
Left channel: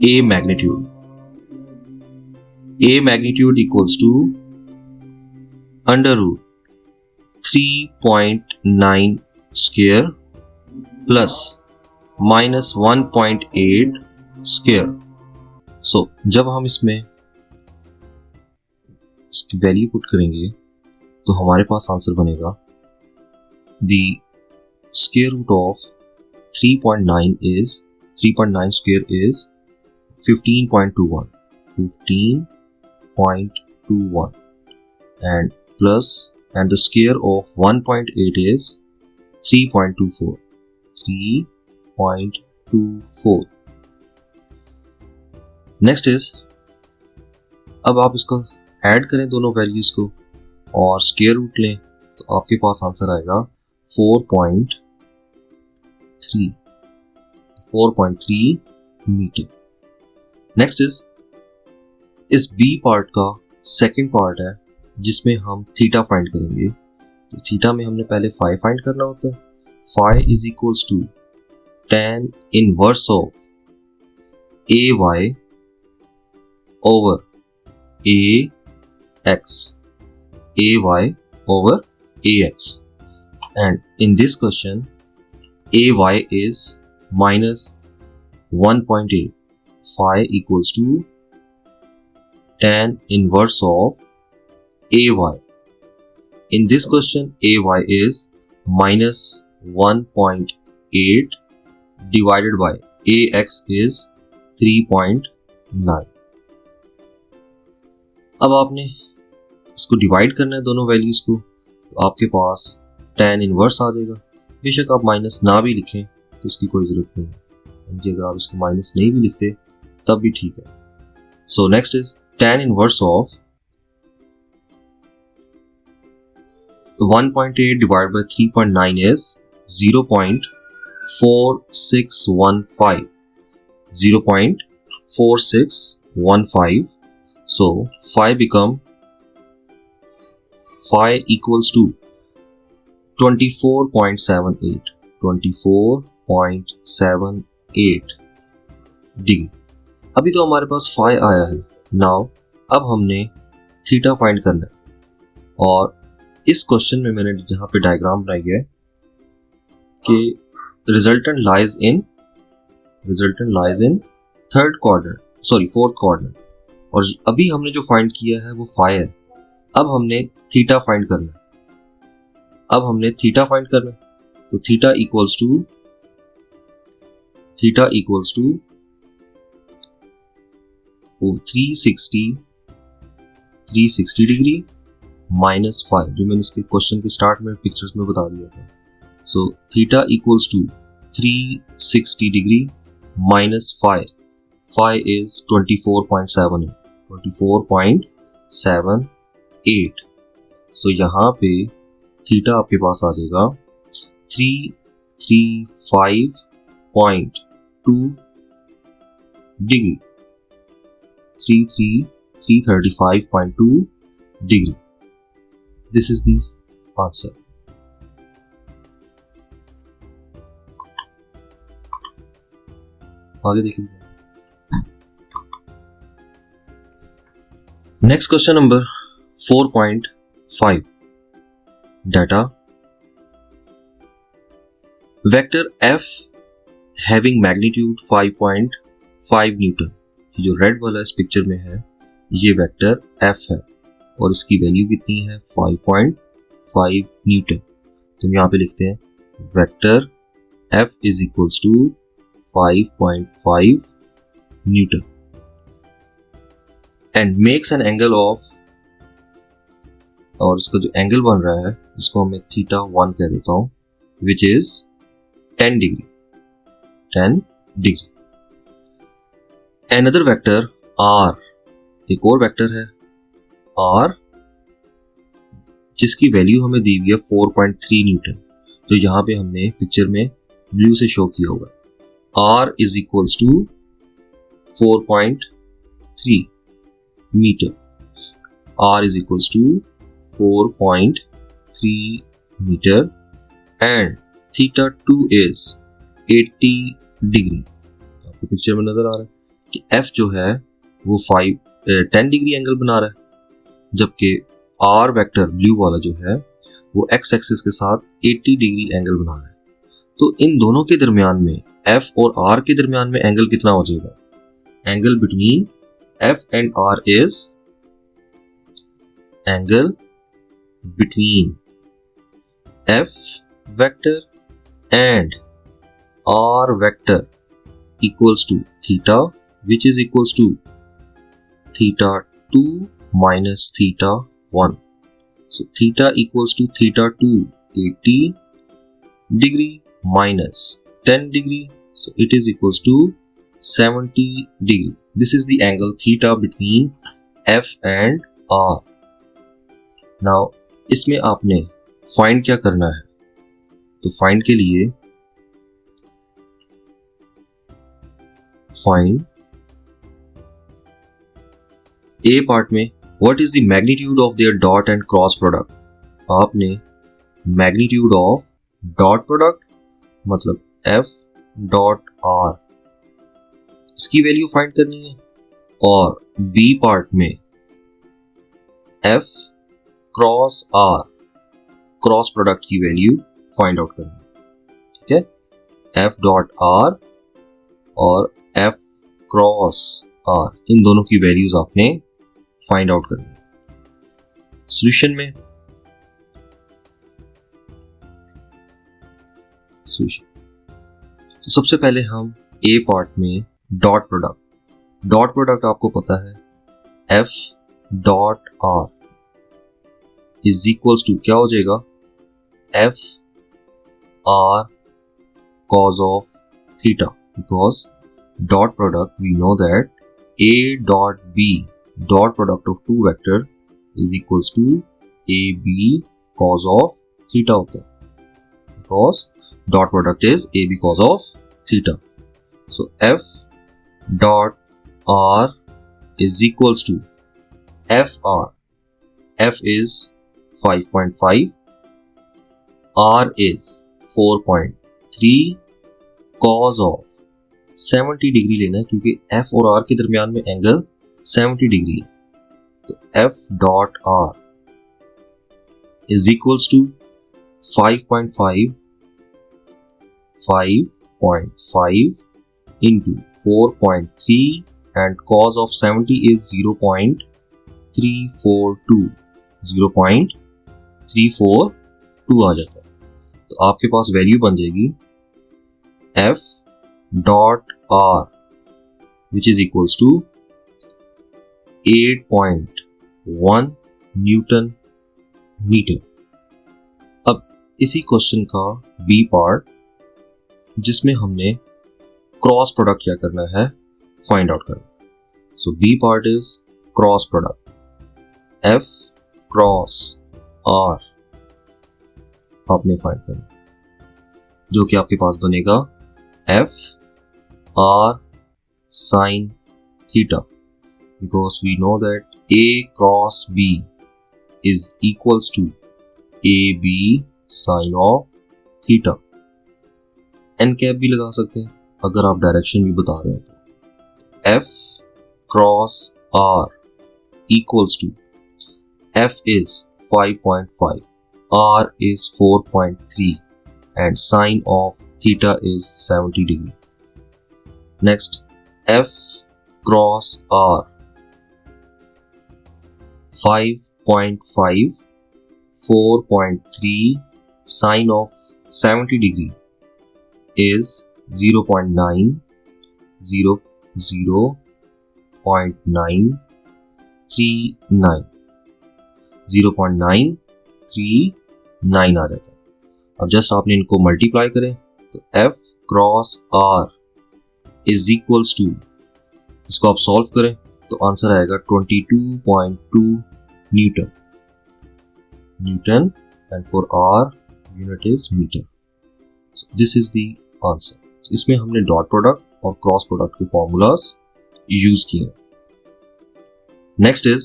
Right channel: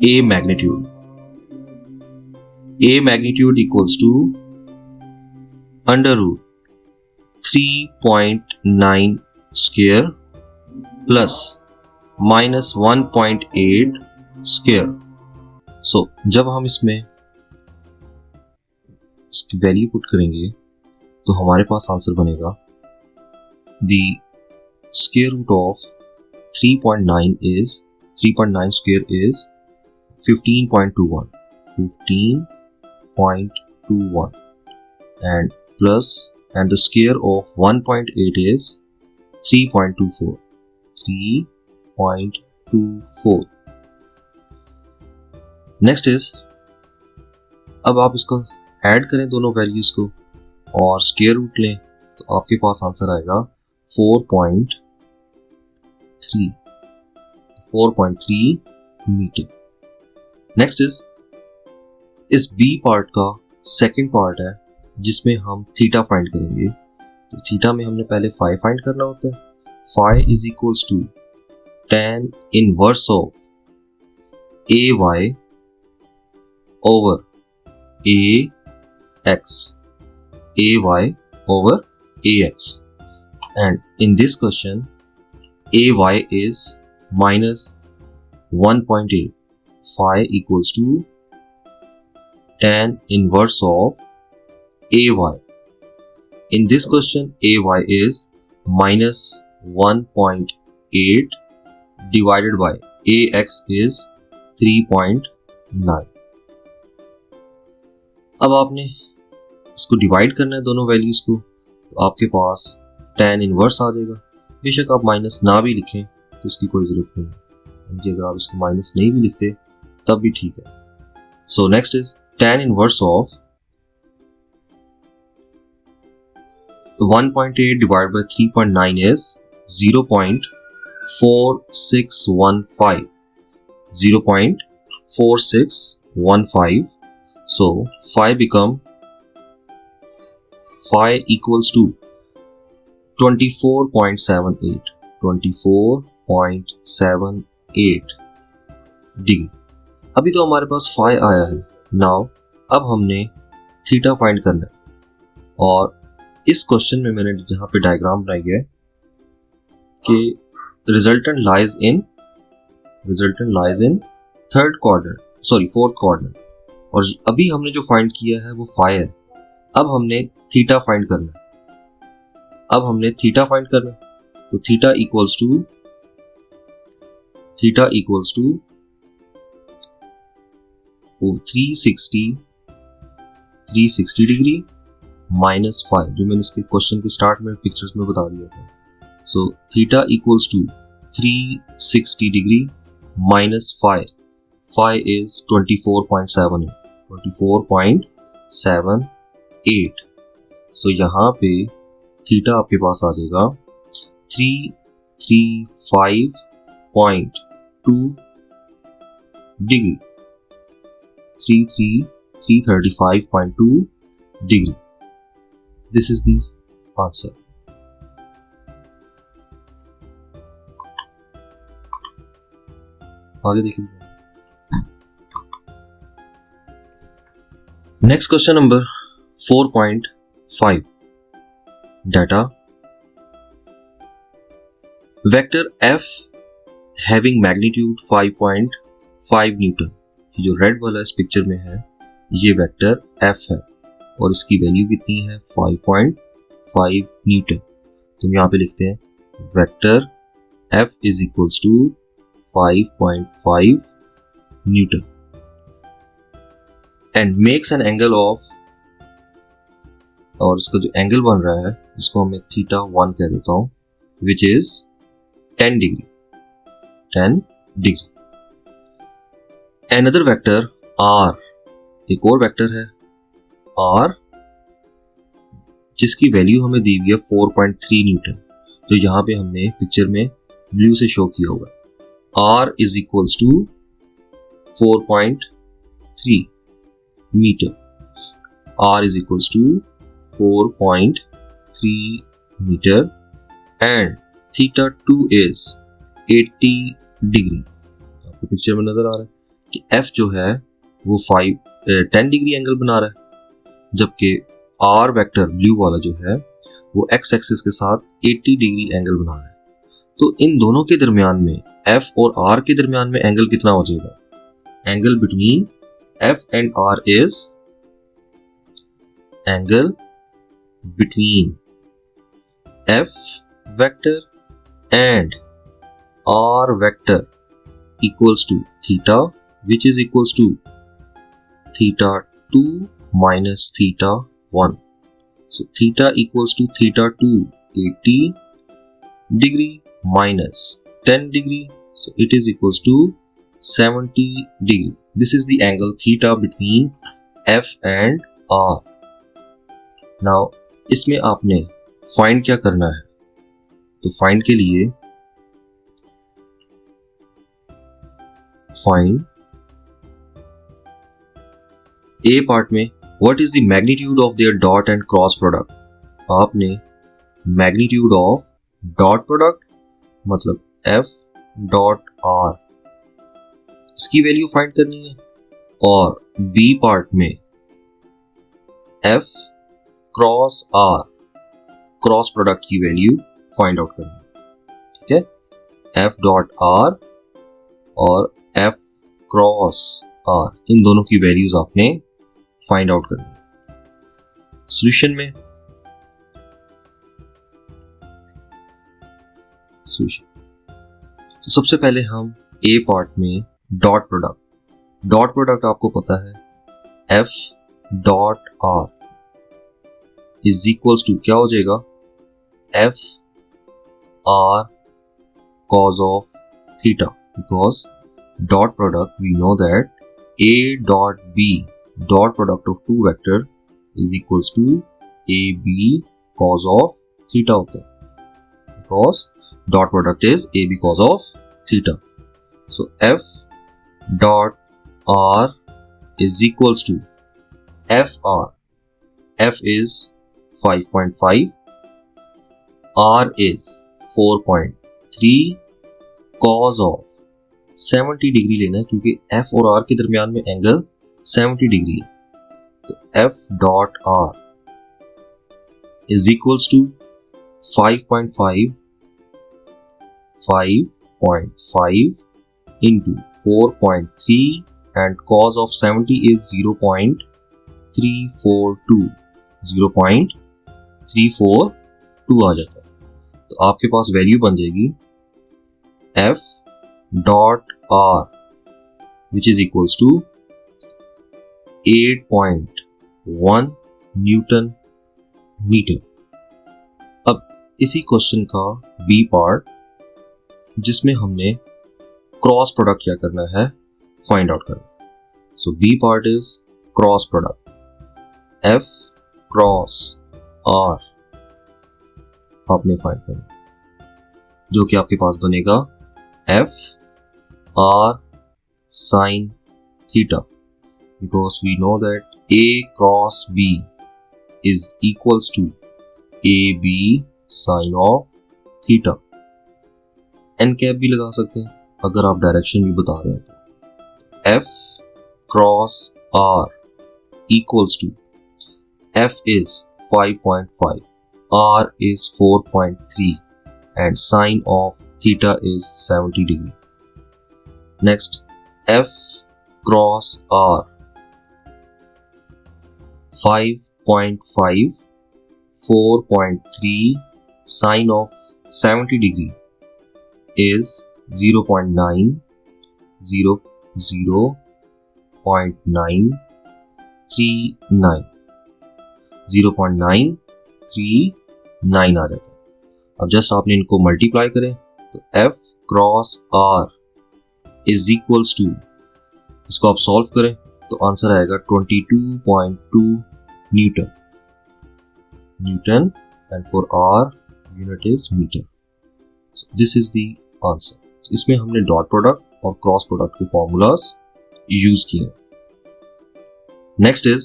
a magnitude equals to under root 3.9 square plus minus 1.8 square. So जब हम इसमें इसकी वैल्यू पुट करेंगे तो हमारे पास आंसर बनेगा the square root of 3.9 is 3.9 square is 15.21 and plus, and the square of 1.8 is 3.24 3.24. Next is, अब आप इसका ऐड करें दोनों वैल्यूज को और स्क्वायर रूट लें तो आपके पास आंसर आएगा 4.3 मीटर। नेक्स्ट इज, इस बी पार्ट का सेकंड पार्ट है जिसमें हम थीटा फाइंड करेंगे। तो थीटा में हमने पहले फाई फाइंड करना होता है। Phi is equals to tan inverse of A Y over ax, ay over ax, and in this question ay is minus 1.8. Phi equals to tan inverse of ay. In this question ay is minus 1.8 divided by ax is 3.9. अब आपने इसको divide करना है दोनों values को, तो आपके पास tan inverse आ जाएगा। बेशक आप माइनस ना भी लिखें तो उसकी कोई अगर आप इसको माइनस नहीं भी लिखते तब भी ठीक है। So next is tan inverse of 1.8 divide by 3.9 is 0.4615 0.4615. So phi equals to 24.78 degree. अभी तो हमारे पास phi आया है। नाउ अब हमने थीटा फाइंड करना है और इस क्वेश्चन में मैंने जहाँ पे डायग्राम बनाई है कि resultant lies in fourth quadrant, और अभी हमने जो फाइंड किया है वो फाई है। अब हमने थीटा फाइंड करना है। तो theta equals to 360 degree minus 5, जो मैंने इसके क्वेश्चन के स्टार्ट में पिक्चर्स में बता दिया था। So theta equals to 360 degree minus 5 is 24.78। So यहाँ पे थीटा आपके पास आ जाएगा 335.2 degree 335.2 degree. This is the answer. आगे देखेंगे। Next question number 4.5. Data. Vector F having magnitude 5.5 Newton. जो रेड वाला इस पिक्चर में है ये वेक्टर F है और इसकी वैल्यू कितनी है 5.5 न्यूटन। तो हम यहाँ पे लिखते हैं vector F is equals to 5.5 Newton and makes an angle of, और इसका जो एंगल बन रहा है इसको मैं थीटा 1 कह देता हूं, which is 10 degree. Another vector R, एक और वेक्टर है R जिसकी वैल्यू हमें दी गई है 4.3 न्यूटन। तो यहाँ पे हमने पिक्चर में ब्लू से शो किया होगा R is equals to 4.3 metre. R is equals to 4.3 metre and theta 2 is 80 degree. आपको पिक्चर में नजर आ रहा है कि F जो है वो 10 डिग्री एंगल बना रहा है, जबकि R वेक्टर ब्लू वाला जो है वो x एक्सिस के साथ 80 डिग्री एंगल बना रहा है। तो इन दोनों के दरमियान में F और R के दरमियान में एंगल कितना हो जाएगा? Angle between F and R is angle between F vector and R vector equals to theta, which is equals to theta 2 minus theta 1. So theta equals to theta 2, 80 degree minus 10 degree. So it is equals to 70 degree. This is the angle theta between F and R. Now इसमें आपने find क्या करना है? तो find के लिए find A part में what is the magnitude of their dot and cross product. आपने मैग्नीट्यूड ऑफ डॉट प्रोडक्ट मतलब एफ डॉट आर इसकी वैल्यू फाइंड करनी है और बी पार्ट में F cross R cross product की वैल्यू फाइंड आउट करनी है. ठीक है, एफ डॉट आर और एफ क्रॉस आर इन दोनों की वैल्यूज आपने फाइंड आउट करनी है. सॉल्यूशन में तो सबसे पहले हम ए पार्ट में डॉट प्रोडक्ट आपको पता है F dot R is equals to क्या हो जाएगा F R cos of theta, because dot product we know that a dot b dot product of two vector is equals to ab cos of theta होता है, because dot product is ab cos of theta. So f dot r is equals to fr. F is 5.5, r is 4.3, cos of 70 degree लेना है क्योंकि f और r के दरमियान में angle 70 degree है. f dot r is equals to 5.5 into 4.3 and cos of 70 is 0.342 आ जाता है. तो आपके पास वैल्यू बन जाएगी f dot r which is equals to 8.1 newton metre. अब इसी क्वेश्चन का बी पार्ट जिसमें हमने क्रॉस प्रोडक्ट क्या करना है फाइंड आउट करना. So B part is cross product f cross r आपने फाइंड करना जो कि आपके पास बनेगा f r sin theta, because we know that a cross b is equals to ab sin of theta. n cap भी लगा सकते हैं अगर आप डायरेक्शन भी बता रहे हैं तो. f cross r equals to f is 5.5, r is 4.3 and sin of theta is 70 degree. Next, f cross r 5.5, 4.3 sin of 70 degree is 0.9, 0.939 आ जाता है. अब जस्ट आपने इनको मल्टीप्लाई करें तो f cross r is equals to, इसको आप solve करें तो आंसर आएगा 22.2 newton and for r unit is metre. This is the answer. इसमें हमने डॉट प्रोडक्ट और क्रॉस प्रोडक्ट के फॉर्मूलाज यूज किए. Next is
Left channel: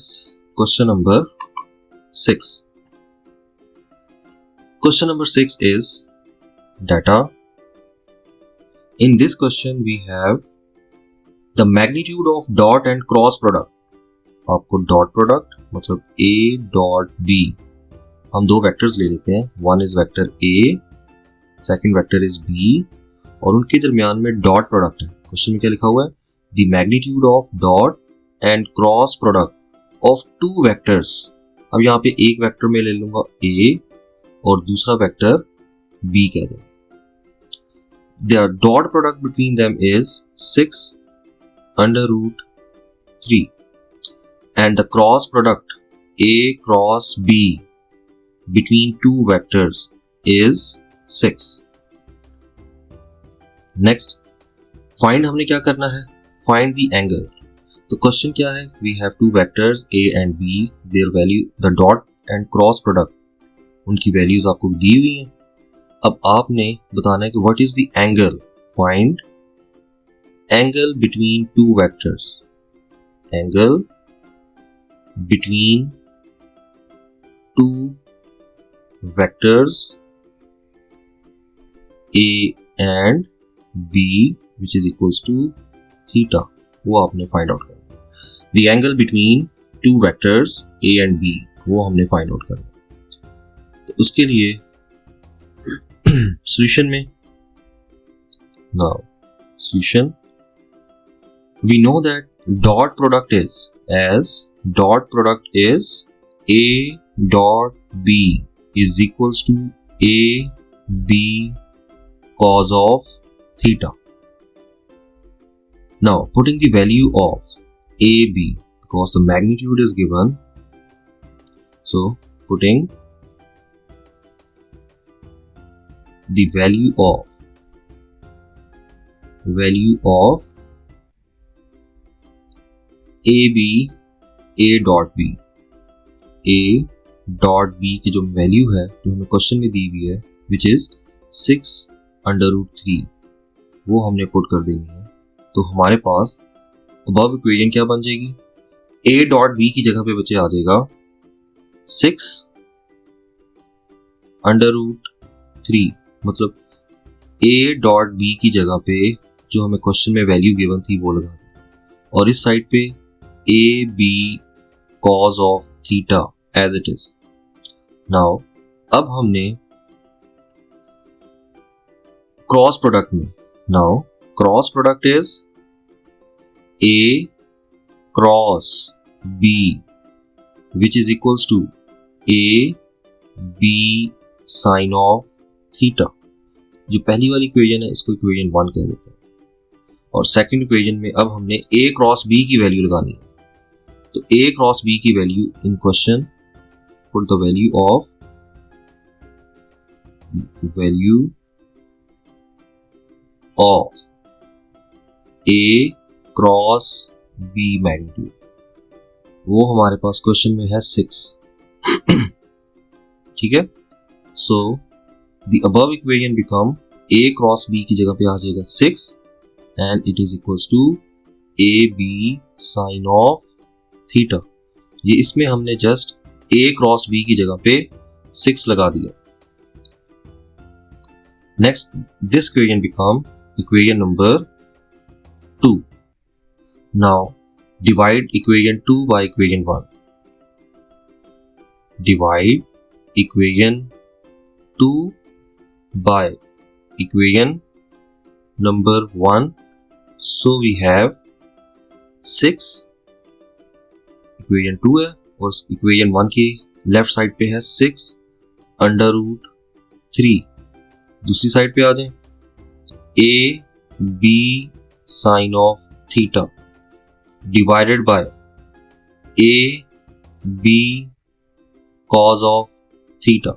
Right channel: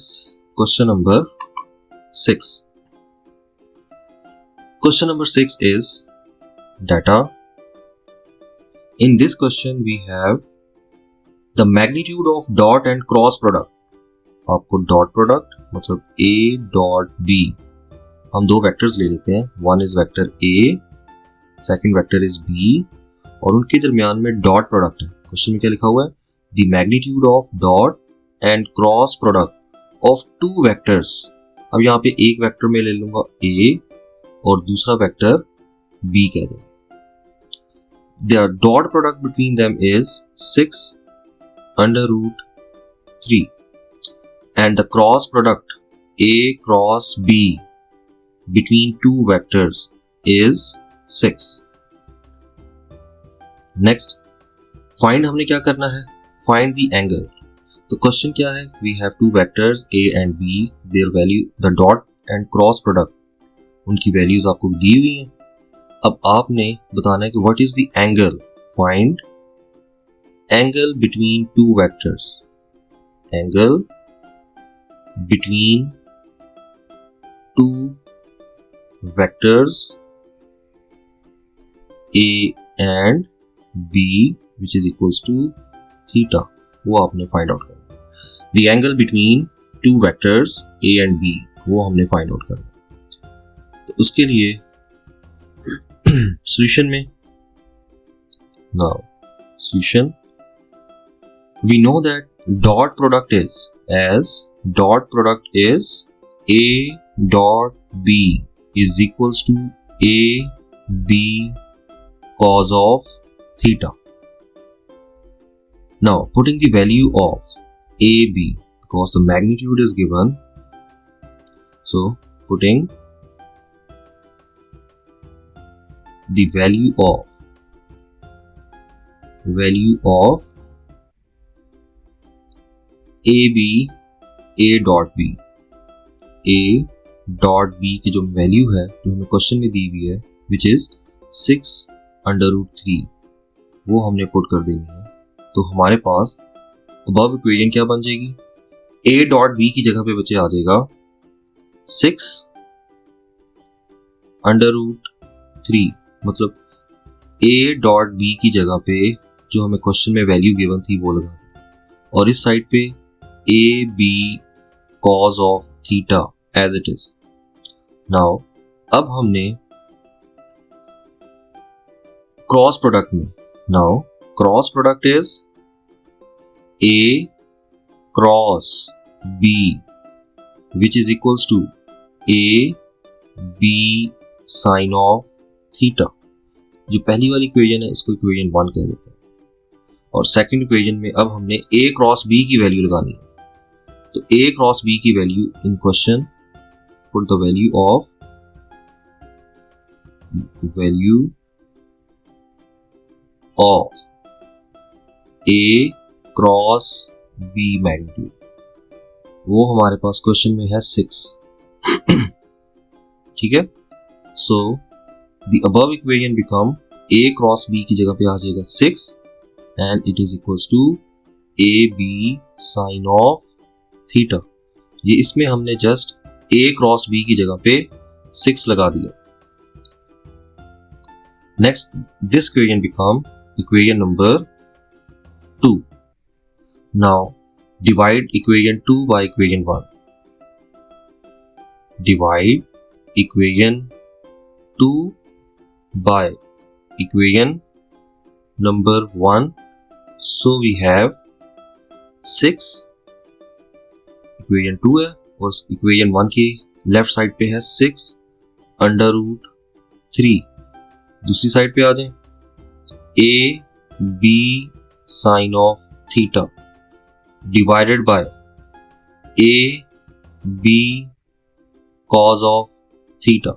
question number 6. Question number 6 is data. In this question we have the magnitude of dot and cross product. आपको dot product मतलब a dot b, हम दो vectors ले लेते हैं. One is vector a, second vector is b और उनके दरमियान में डॉट प्रोडक्ट है. क्वेश्चन में क्या लिखा हुआ है? The magnitude of dot and cross product of two vectors अब यहाँ पे एक वेक्टर में ले लूंगा a और दूसरा वेक्टर b कह दूं। Their dot product between them is 6 under root 3 and the cross product a cross b between two vectors is 6. Next, find हमने क्या करना है? Find the angle. तो क्वेश्चन क्या है? We have two vectors a and b, their value, the dot and cross product, उनकी values आपको दी हुई हैं। अब आपने बताना है कि what is the angle. Find angle between two vectors, angle between two vectors a and b which is equals to theta, वो आपने फाइंड आउट करना। The angle between two vectors a and b, वो हमने find out करना। तो उसके लिए solution में, now solution, we know that dot product is a dot b is equals to a b cos of theta. Now putting the value of a b, because the magnitude is given, so putting the value of AB a dot b की जो value है जो हमें question में दी हुई है which is 6 under root 3, वो हमने पुट कर देनी है। तो हमारे पास above इक्वेशन क्या बन जाएगी? a dot b की जगह पे बचे आ जाएगा 6 under root 3, मतलब a डॉट b की जगह पे जो हमें क्वेश्चन में वैल्यू गिवन थी वो लगा, और इस साइड पे a b cos of theta as it is. Now अब हमने क्रॉस प्रोडक्ट में, now cross product is a cross b which is equals to a b sin of theta. जो पहली वाली इक्वेशन है इसको इक्वेशन 1 कह देते हैं, और सेकंड इक्वेशन में अब हमने a क्रॉस b की वैल्यू लगानी है। तो a क्रॉस b की value in question, put the value of a cross b magnitude, वो हमारे पास क्वेश्चन में है 6। ठीक है, सो the above equation become a cross b की जगह पे आ जाएगा 6 and it is equals to a b sin of theta। ये इसमें हमने जस्ट a cross b की जगह पे 6 लगा दिया। Next, this equation become equation number 2. Now divide equation 2 by equation 1. Divide equation 2 by equation number 1, so we have 6, equation 2 है और equation 1 की लेफ्ट साइड पे है 6 अंडर रूट 3। दूसरी साइड पे आ जाए, a b sine of theta divided by a b cos of theta.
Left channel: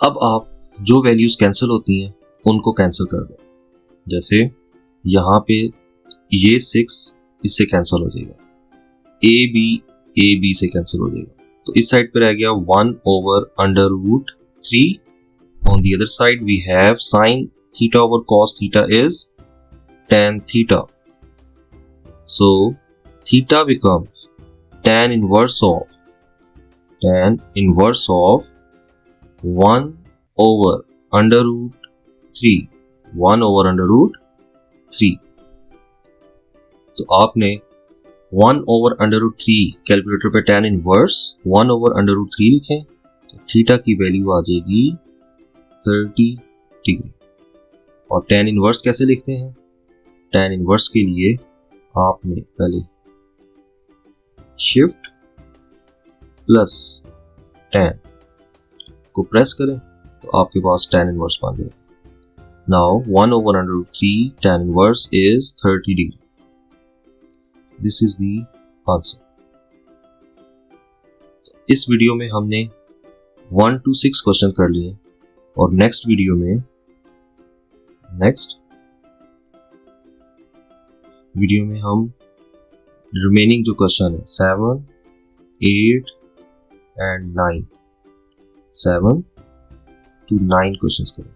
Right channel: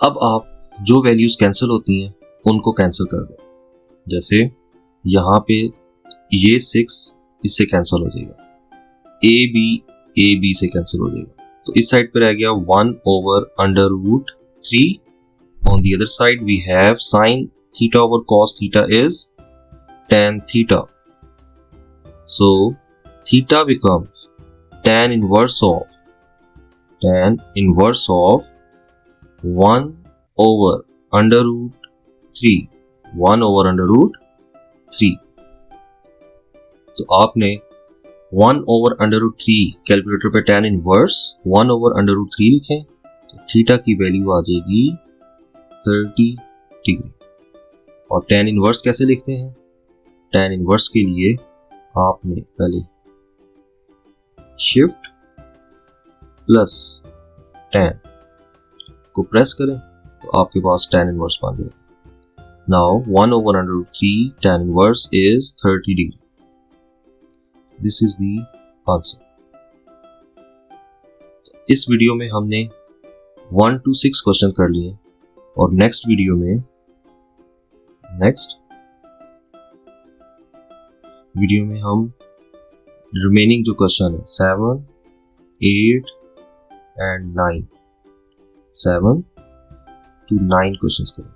अब आप जो वैल्यूज कैंसिल होती हैं उनको कैंसिल कर दें। जैसे यहाँ पे ये 6 इससे कैंसिल हो जाएगा, ए बी से कैंसिल हो जाएगा, तो इस साइड पे रह गया 1 over under root 3। On the other side we have sine theta over cos theta is tan theta, so theta becomes tan inverse of 1 over under root 3, 1 over under root 3। तो आपने 1 over under root 3 calculator पे tan inverse 1 over under root 3 लिखें, theta की value आ जाएगी 30 degree. और tan inverse कैसे लिखते हैं? tan इनवर्स के लिए आपने पहले शिफ्ट प्लस tan को प्रेस करें तो आपके पास tan इनवर्स बन गया. Now 1/√3 tan inverse is 30 degree. This is the answer. इस वीडियो में हमने 1 to 6 क्वेश्चन कर लिए और नेक्स्ट वीडियो में हम रिमेनिंग जो क्वेश्चन है 7, 8 एंड 9 7 to 9 क्वेश्चंस करेंगे.